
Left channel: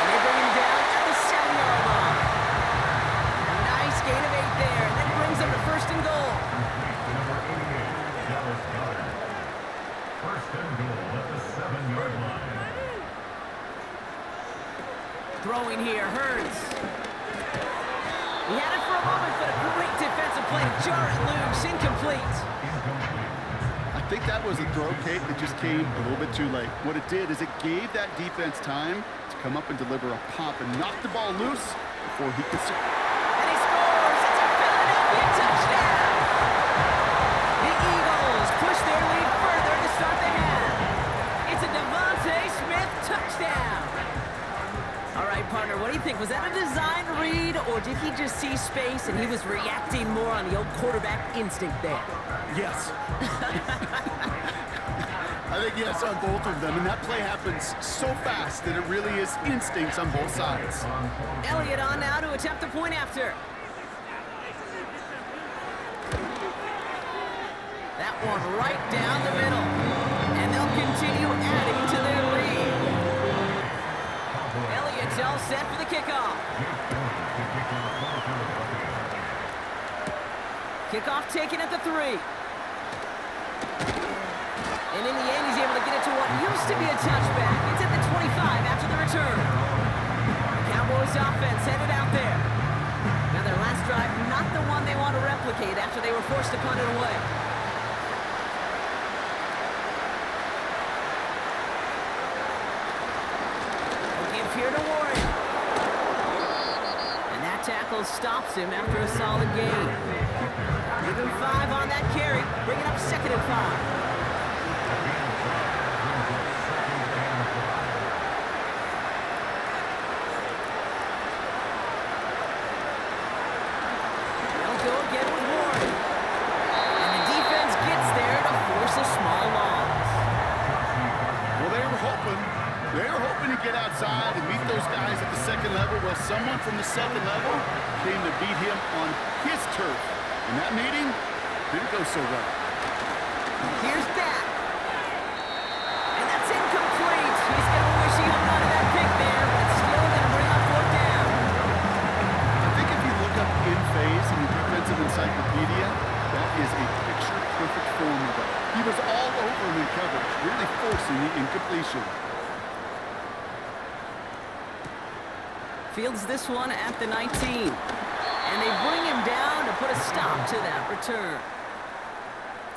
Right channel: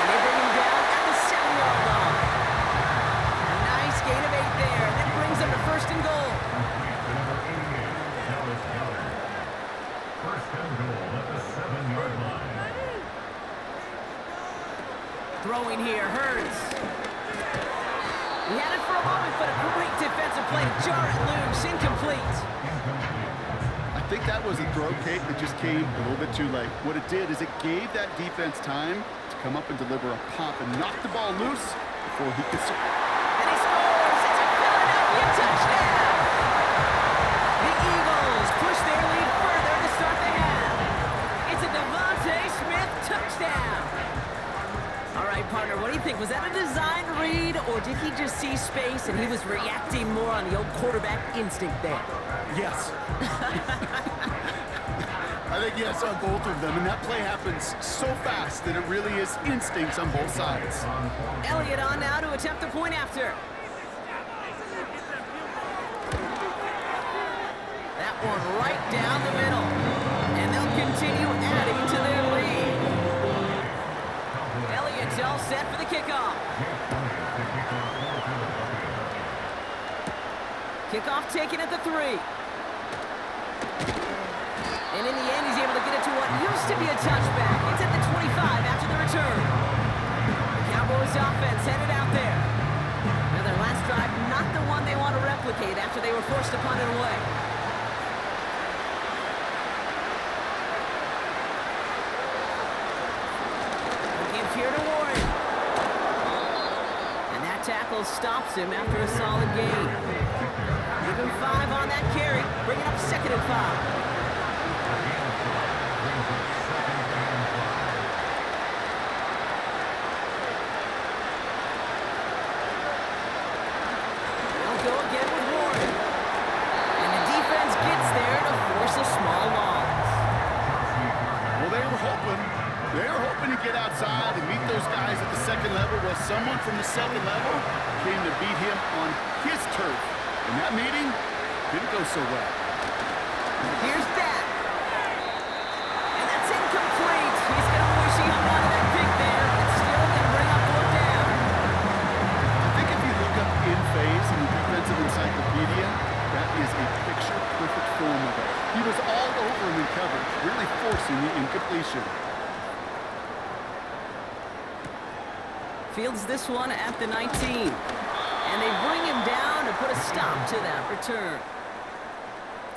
And they bring him down at the 7-yard line. A nice gain of 8 there, and that brings them to 1st and goal. Number 88, Dallas Goedert. 1st and goal at the 7-yard line. Throwing here, Hurts. He had it for a moment, but a great defensive play to jar it loose. Incomplete. I think that was a throw, Kate, that just came a little bit too late. What it did is it gave that defense time to come up and deliver a pop and knock the ball loose before he could... And he scores! It's a Philadelphia touchdown! The Eagles push their lead further to start the half. It's a Devontae Smith touchdown! All right, partner, what do you think? Was that a design read, or did he just see space and he was reacting more on the old quarterback instinct there? Yes. I think yes on both of them, and that play happens so fast that it really is instincts on both sides. Elliott on now to attempt the point after. That one right down the middle. And they'll continue adding to their lead. Elliott's all set for the kickoff. Kickoff taken at the 3. And in the end, he's able to get it to what used to be a touchback. It's at the 25 after the return. The Cowboys offense headed out there. Now their last drive, not the one they want to replicate after they were forced to punt it away. Give here to Warren. And that tackle stops him after a solid gain. Give him 5 on that carry, bringing up 2nd and 5. They'll go again with Warren. And the defense gets there to force a small loss. Well, they were hoping to get outside and meet those guys at the 2nd level. Well, someone from the 2nd level came to beat him on his turf. And that meeting didn't go so well. Here's that. And that's incomplete. He's going to wish he hung on to that pick there, but it's still going to bring up 4th down. phase in the defensive encyclopedia, that is a picture-perfect form of it. He was all over him in coverage, really forcing the incompletion. Fields this one at the 19. And they bring him down to put a stop to that return.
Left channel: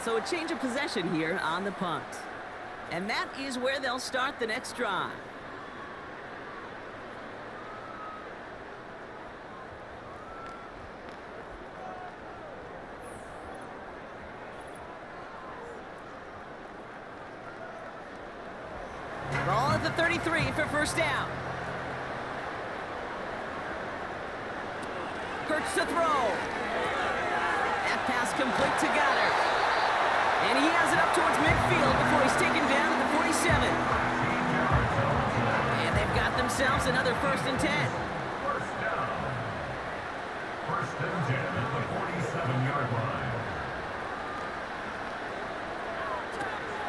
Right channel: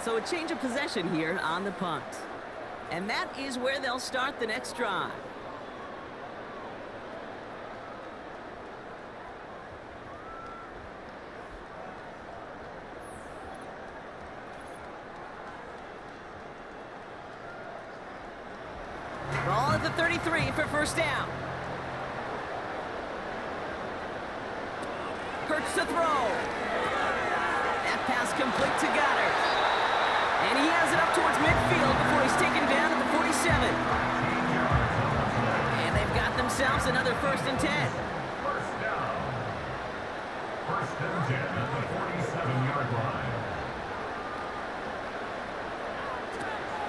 So a change of possession here on the punt. And that is where they'll start the next drive. Ball at the 33 for first down. Hurts to throw. That pass complete to Goddard. And he has it up towards midfield before he's taken down at the 47. And they've got themselves another 1st and 10. First down. 1st and 10 at the 47-yard line.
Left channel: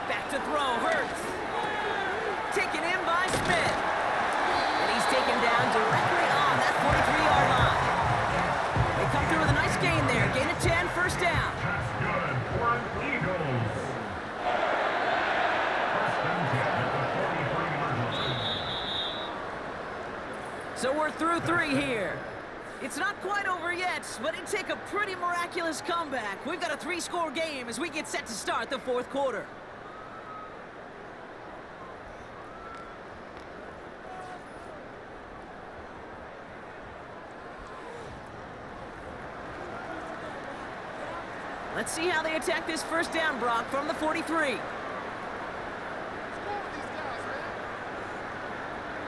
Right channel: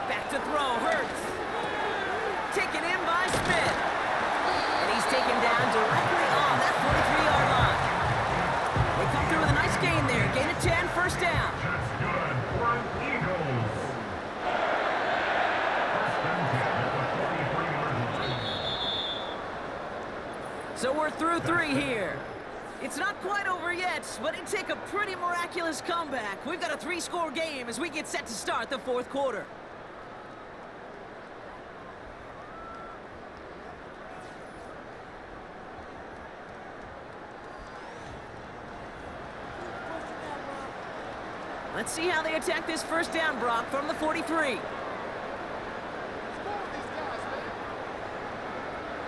Back to throw, Hurts. Taken in by Smith. And he's taken down directly on that 43-yard line. They come through with a nice gain there. Gain of 10, first down. That's good for an Eagles. 1st and 10 at the 43-yard line. So we're through 3 here. It's not quite over yet, but it'd take a pretty miraculous comeback. We've got a 3-score game as we get set to start the 4th quarter. Let's see how they attack this first down, Brock, from the 43.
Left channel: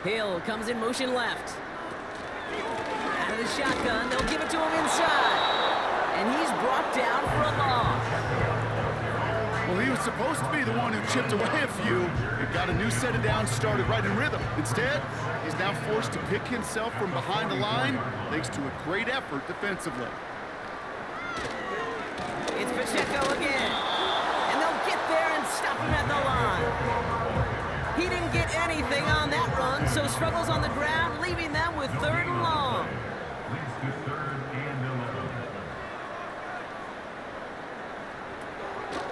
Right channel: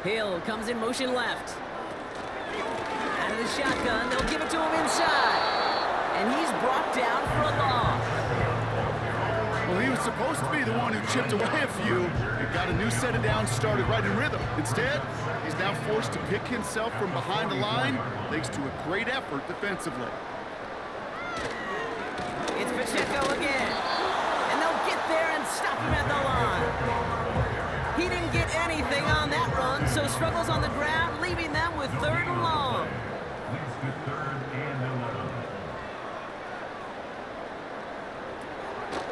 Hill comes in motion left. Out of the shotgun, they'll give it to him inside. And he's brought down for a loss. Well, he was supposed to be the one who chipped away a few and got a new set of downs started right in rhythm. Instead, he's now forced to pick himself from behind the line thanks to a great effort defensively. It's Pacheco again. And they'll get there and stop him at the line. He didn't get anything on that run, so struggles on the ground, leaving them with 3rd and long. Leads to 3rd and 11.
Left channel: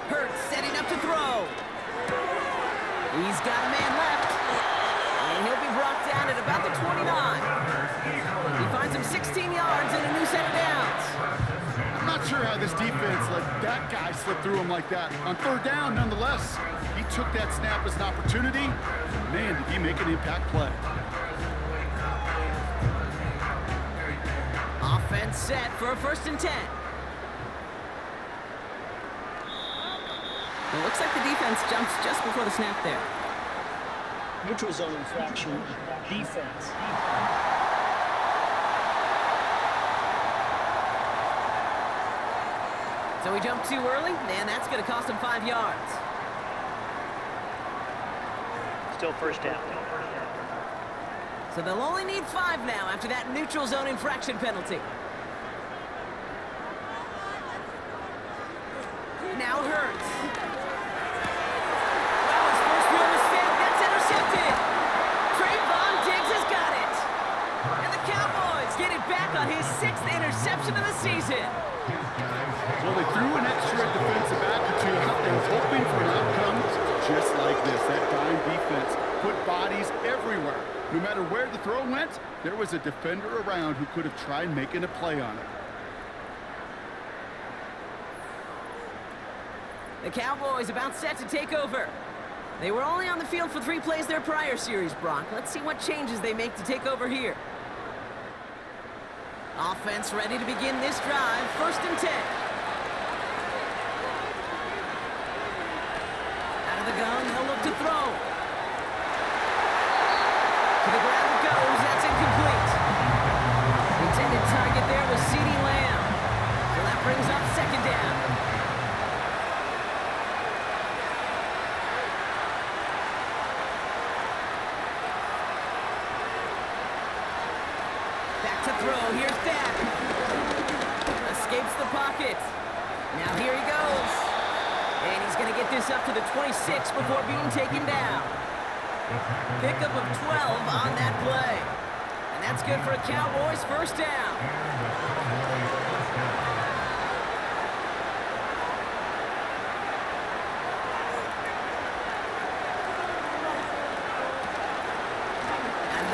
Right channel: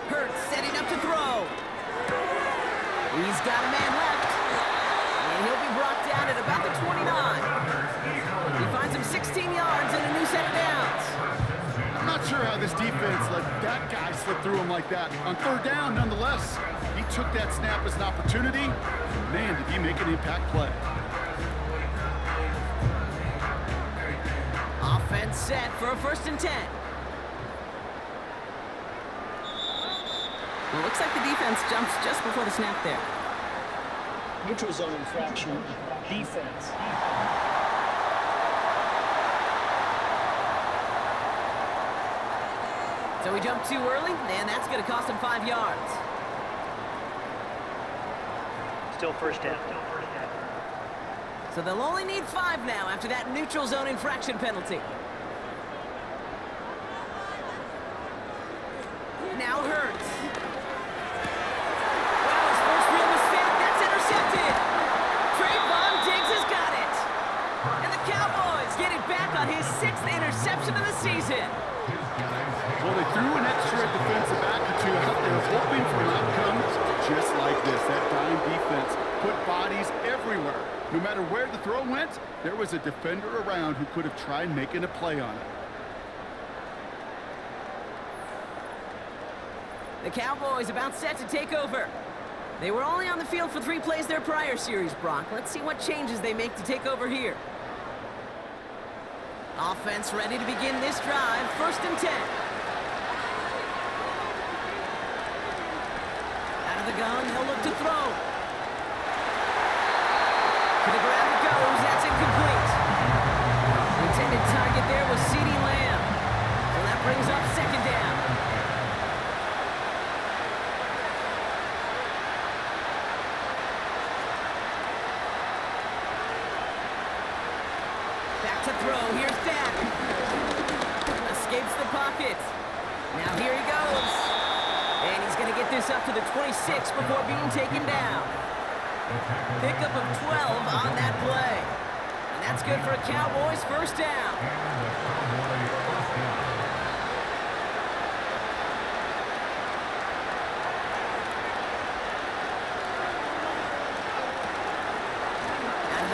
Hurts setting up to throw. He's got a man left. And he'll be brought down at about the 29. He finds him 16 yards and a new set of downs. I'm not sure how this defense let that guy slip through him like that. On 3rd down, nonetheless, he took that snap as an opportunity. Man, did he make an impact play. Offense set for a 1st and 10. Well, it looks like the defense jumps just before the snap there. Neutral zone infraction, defense. So he jumped too early, and that's going to cost him 5 yards. Still first down. So they'll only need 5 now after that neutral zone infraction penalty. Now Hurts. Wow, his first real mistake. That's intercepted. Trayvon Diggs has got it. And the Cowboys get it back on his 6th interception of the season. Well, they threw an extra defensive back or two out there hoping for an outcome just like this. That dime defense put bodies everywhere. No matter where the throw went, there was a defender around who could have tried making a play on it. The Cowboys about set to take over. They were only on the field for 3 plays their prior series, Brock. Let's see what changes they make to take over here. Offense ready to begin this drive. 1st and 10. Out of the gun, they'll look to throw. To the ground it goes. That's incomplete. The intended target there was CeeDee Lamb. So that brings up 2nd down. Back to throw. Here's Dak. Escapes the pocket. Now here he goes. And he's going to get this up to the 26 before being taken down. Pickup of 12 on that play. And that's good for a Cowboys 1st down. And the Cowboys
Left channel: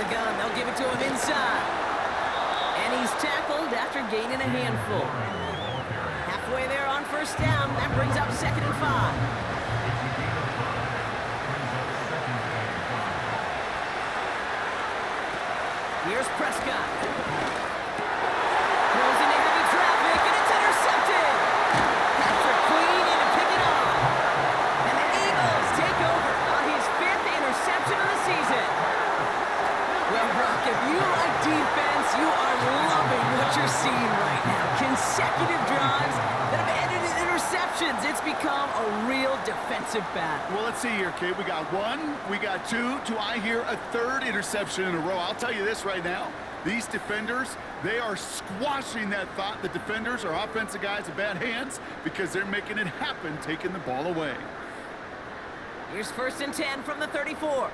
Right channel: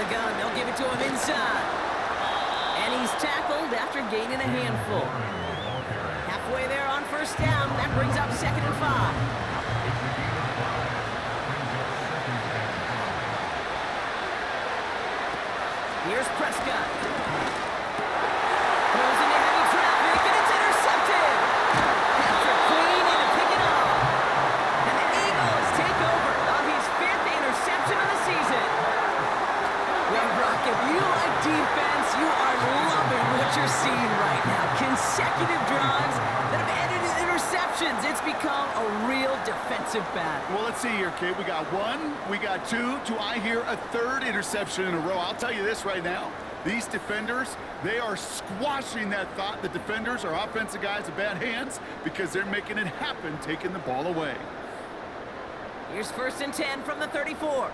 the gun. They'll give it to him inside. And he's tackled after gaining a handful. Halfway there on first down. That brings up 2nd and 5. Here's Prescott. Throws into heavy traffic, and it's intercepted. Patrick Queen in to pick it up. And the Eagles take over on his 5th interception of the season. Well, Brock, if you like defense, you are loving what you're seeing right now. Consecutive drives that have ended in interceptions. It's become a real defensive battle. Well, let's see here, kid. We got 1, we got 2. Do I hear a 3rd interception in a row? I'll tell you this right now. These defenders, they are squashing that thought that defenders are offensive guys with bad hands because they're making it happen, taking the ball away. Here's 1st and 10 from the 34.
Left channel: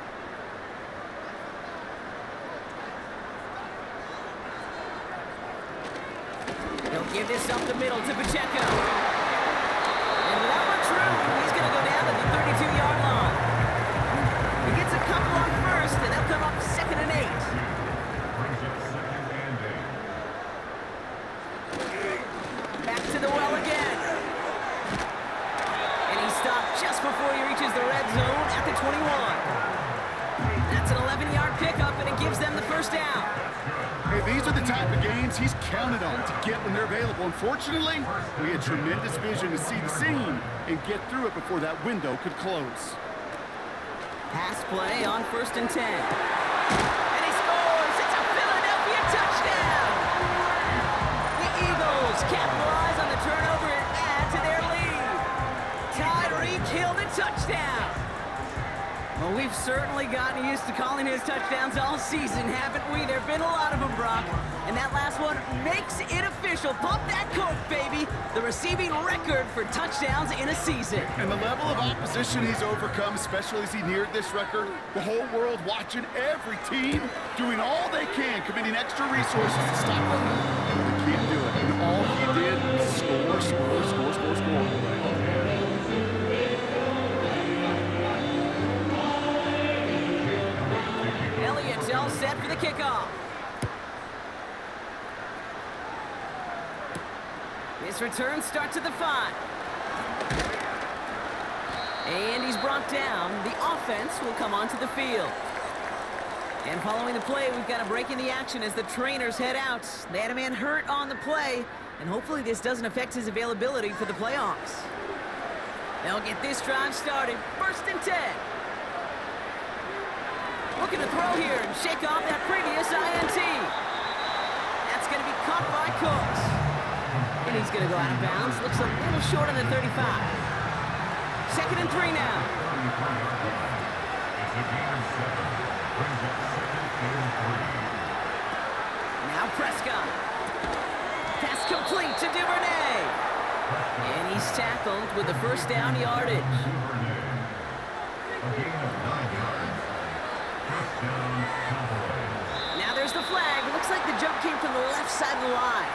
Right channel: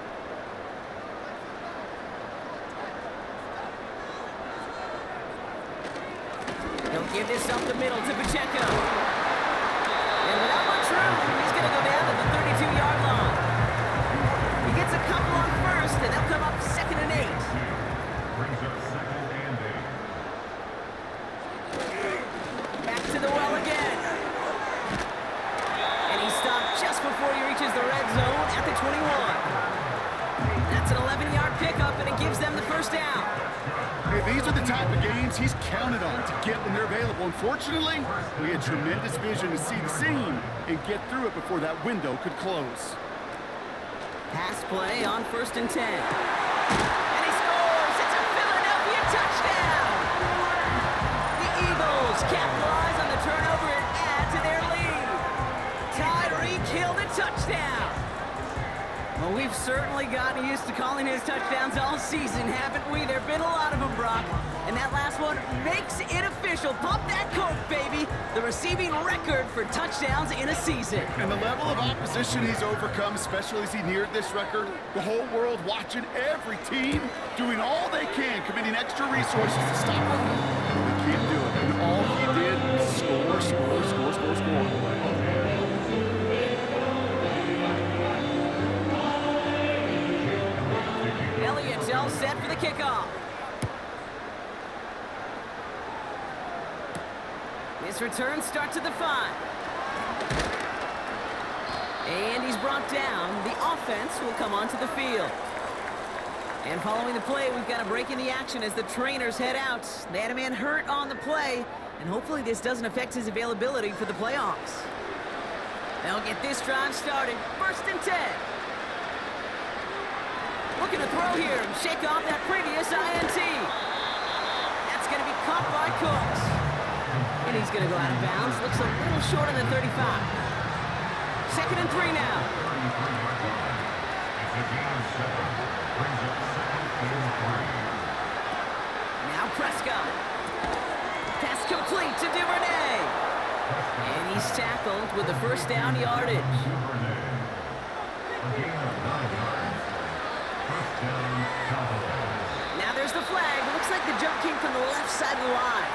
He'll give this up the middle to Pacheco. And without much room, he's going to go down at the 32-yard line. He gets a couple on first, and they'll come up 2nd and 8. Brings up 2nd and 8. Back to the well again. And he stopped just before he reaches the red zone at the 21. That's an 11-yard pickup, and it gives them the first down. Hey, these are the type of games he's counted on to get when they're available. Unfortunately, we had tremendous vision to see the scene and get through it before that window could close. Pass play on 1st and 10. And he scores! It's a Philadelphia touchdown! The Eagles capitalize on the turnover and add to their lead. Tyreek Hill the touchdown! Well, we've certainly gotten used to calling his touchdowns all season, haven't we? There have been a lot of them, Brock. And that last one makes it official. Pump that cork, baby. The receiving record for touchdowns in a season. And the level of opposition he's overcome, especially as he neared this record, the whole world watching, every team doing all they can, committing extra resources to stop him. They can't do it. And all he did was score, score, score, score, score. Elliott's all set for the kickoff. This return starts at the 5. And he's brought down. The offense will come onto the field. And following the play, we've got a break in the action as the trainers head out. They had a man hurt on the play, and hopefully this doesn't affect his availability for the playoffs. They'll get this drive started. 1st and 10. Looking to throw here and shake off that previous INT. That's going to be caught by Cooks. And he's going to go out of bounds. Looks a little short on the 35. 2nd and 3 now. It's a gain of 7. Brings up 2nd and 3. Now Prescott. Pass complete to Duvernay. And he's tackled with the first down yardage. Duvernay. A gain of 9 yards. First down, Cowboys. Now there's the flag. Looks like the jump came from the left side of the line.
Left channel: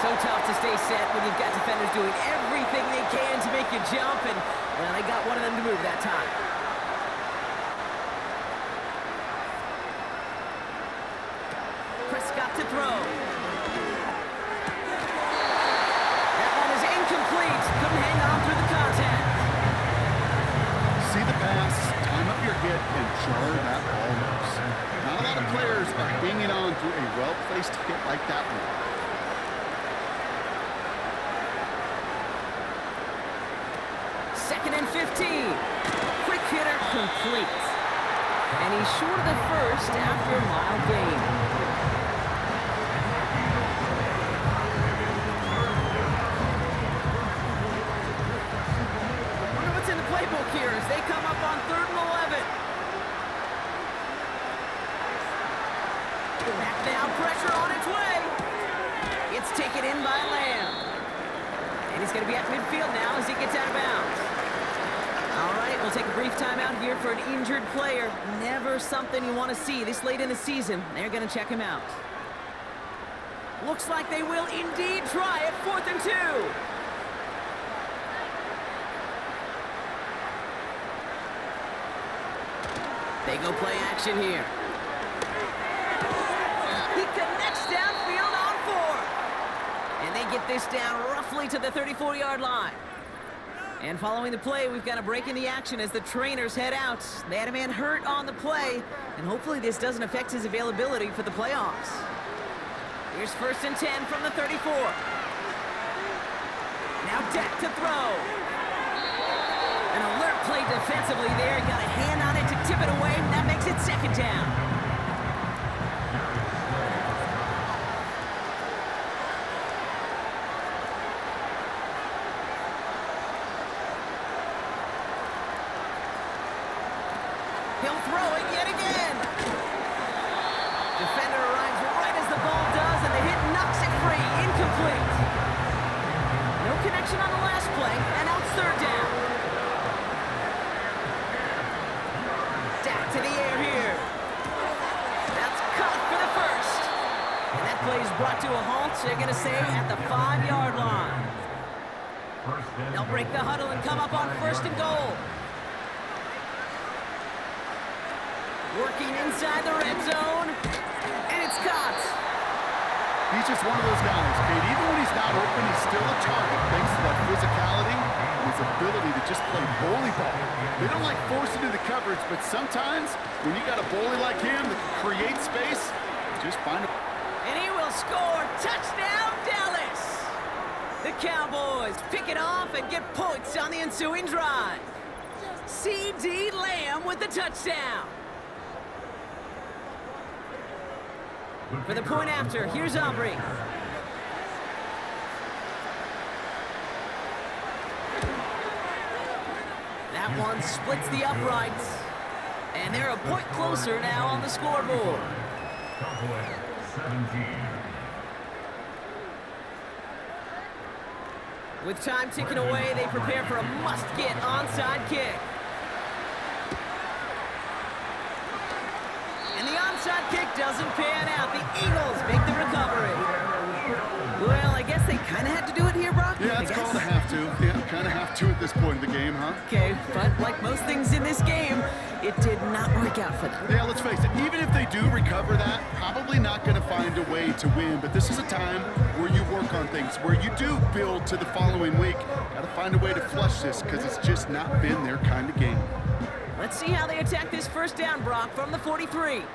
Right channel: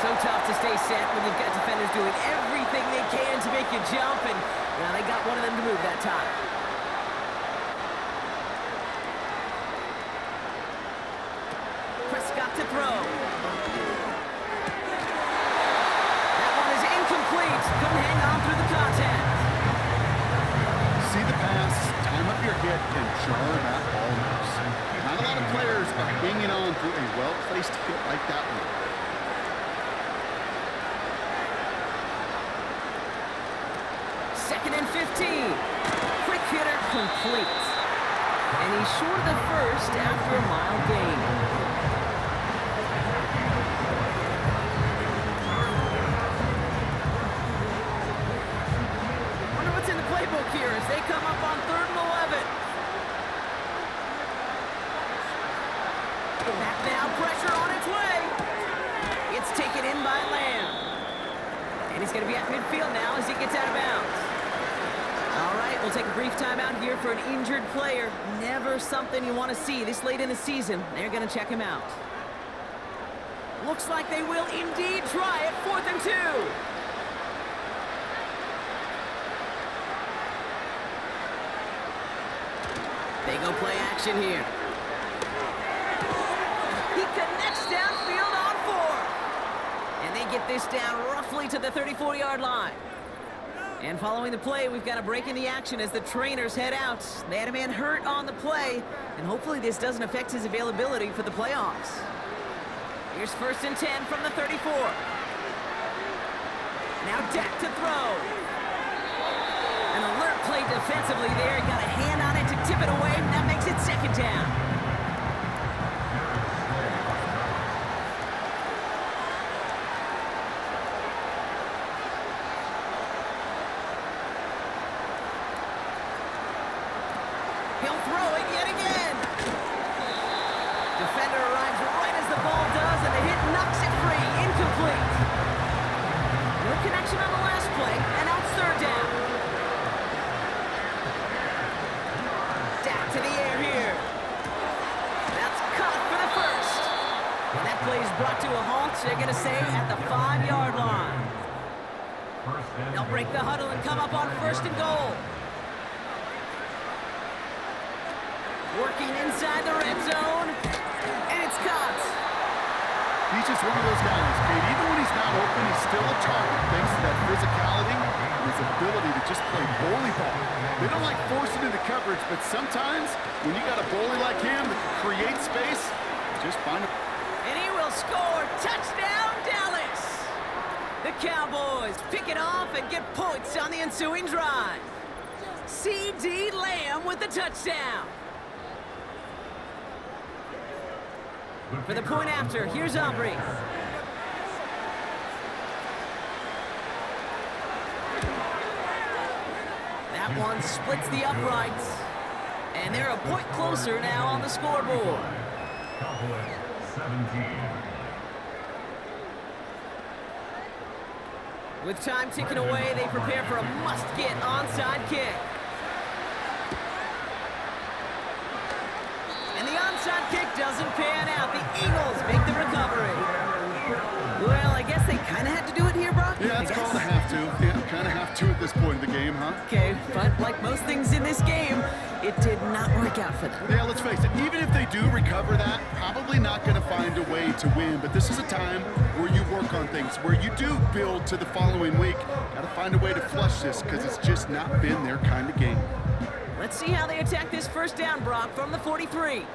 So tough to stay set when you've got defenders doing everything they can to make you jump, and, well, they got one of them to move that time. Prescott to throw. That one is incomplete. Couldn't hang on through the contact. See the pass, time up your hit, and jar that ball loose. Not a lot of players are hanging on through a well-placed hit like that one. Second and 15. Quick hitter complete. And he's short of the first after a mild gain. Wonder what's in the playbook here as they come up on 3rd and 11. Back now, pressure on its way. It's taken in by Lamb. And he's going to be at midfield now as he gets out of bounds. All right, we'll take a brief timeout here for an injured player. Never something you want to see this late in the season. They're going to check him out. Looks like they will indeed try it. 4th and 2. They go play action here. He connects downfield on 4. And they get this down roughly to the 34-yard line. And following the play, we've got a break in the action as the trainers head out. They had a man hurt on the play, and hopefully this doesn't affect his availability for the playoffs. Here's 1st and 10 from the 34. Now Dak to throw. An alert play defensively there. Got a hand on it to tip it away, and that makes it 2nd down. He'll throw it yet again. Defender arrives right as the ball does, and the hit knocks it free. Incomplete. No connection on the last play, and now it's 3rd down. Dak to the air here. That's caught for the 1st. And that play is brought to a halt, they're going to say, at the 5-yard line. They'll break the huddle and come up on 1st and goal. Working inside the red zone, and it's caught. He's just one of those guys, Kate. Even when he's not open, he's still a target thanks to that physicality and his ability to just play bully ball. They don't like forcing into coverage, but sometimes when you got a bully like him that can create space, just find a... And he will score. Touchdown, Dallas! The Cowboys pick it off and get points on the ensuing drive. C.D. Lamb with the touchdown. For the point after, here's Aubrey. That one splits the uprights. And they're a point closer now on the scoreboard. Cowboys 17. With time ticking away, they prepare for a must-get onside kick. And the onside kick doesn't pan out. The Eagles make the recovery. Well, I guess they kind of had to do it here, Brock. Yeah, it's called a have to. Yeah, kind of have to at this point in the game, huh? Okay, but like most things in this game, it did not work out for them. Yeah, let's face it, even if they do recover that, probably not going to find a way to win. But this is a time where you work on things, where you do build to the following week. Got to find a way to flush this because it's just not been their kind of game. Let's see how they attack this 1st down, Brock, from the 43.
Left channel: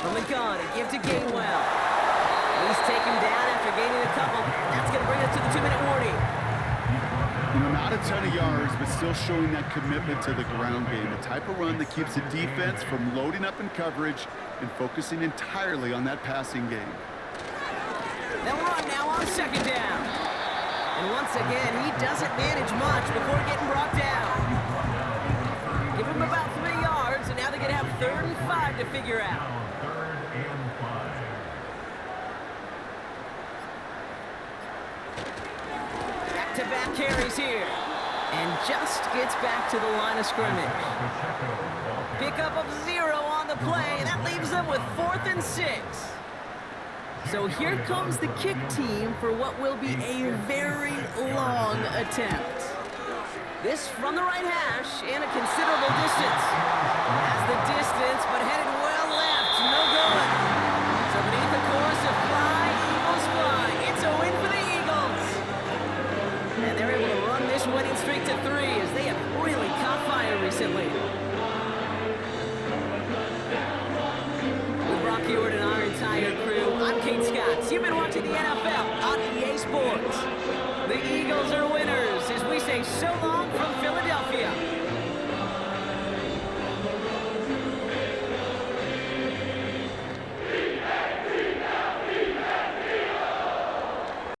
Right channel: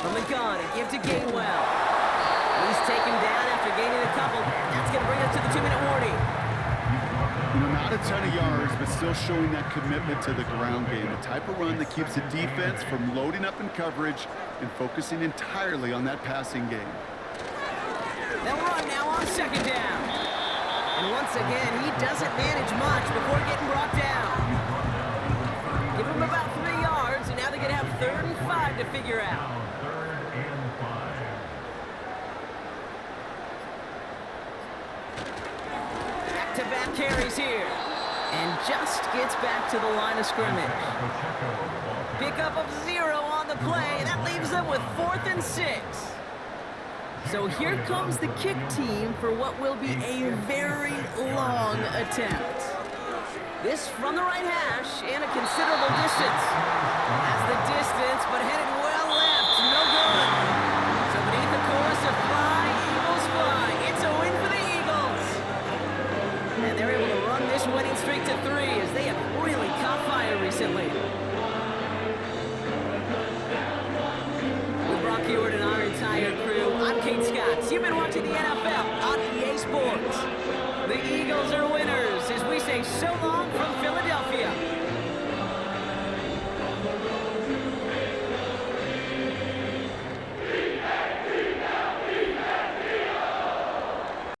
From the gun, a give to Gainwell. He's taken down after gaining a couple. That's going to bring us to the 2-minute warning. You know, not a ton of yards, but still showing that commitment to the ground game. The type of run that keeps the defense from loading up in coverage and focusing entirely on that passing game. They'll run now on 2nd down. And once again, he doesn't manage much before getting brought down. Give him about 3 yards, and now they're going to have 3rd and 5 to figure out. 3rd and 5. Back-to-back carries here. And just gets back to the line of scrimmage. Pickup of 0 on the play. That leaves them with 4th and 6. So here comes the kick team for what will be a very long attempt. This from the right hash and a considerable distance. Has the distance, but headed well left. No good. So beneath the chorus of fly, Eagles fly. It's a win for the Eagles. And they're able to run this winning streak to 3 as they have really caught fire recently. With Brock Ewart and our entire crew, I'm Kate Scott. You've been watching the NFL on EA Sports. The Eagles are winners as we say so long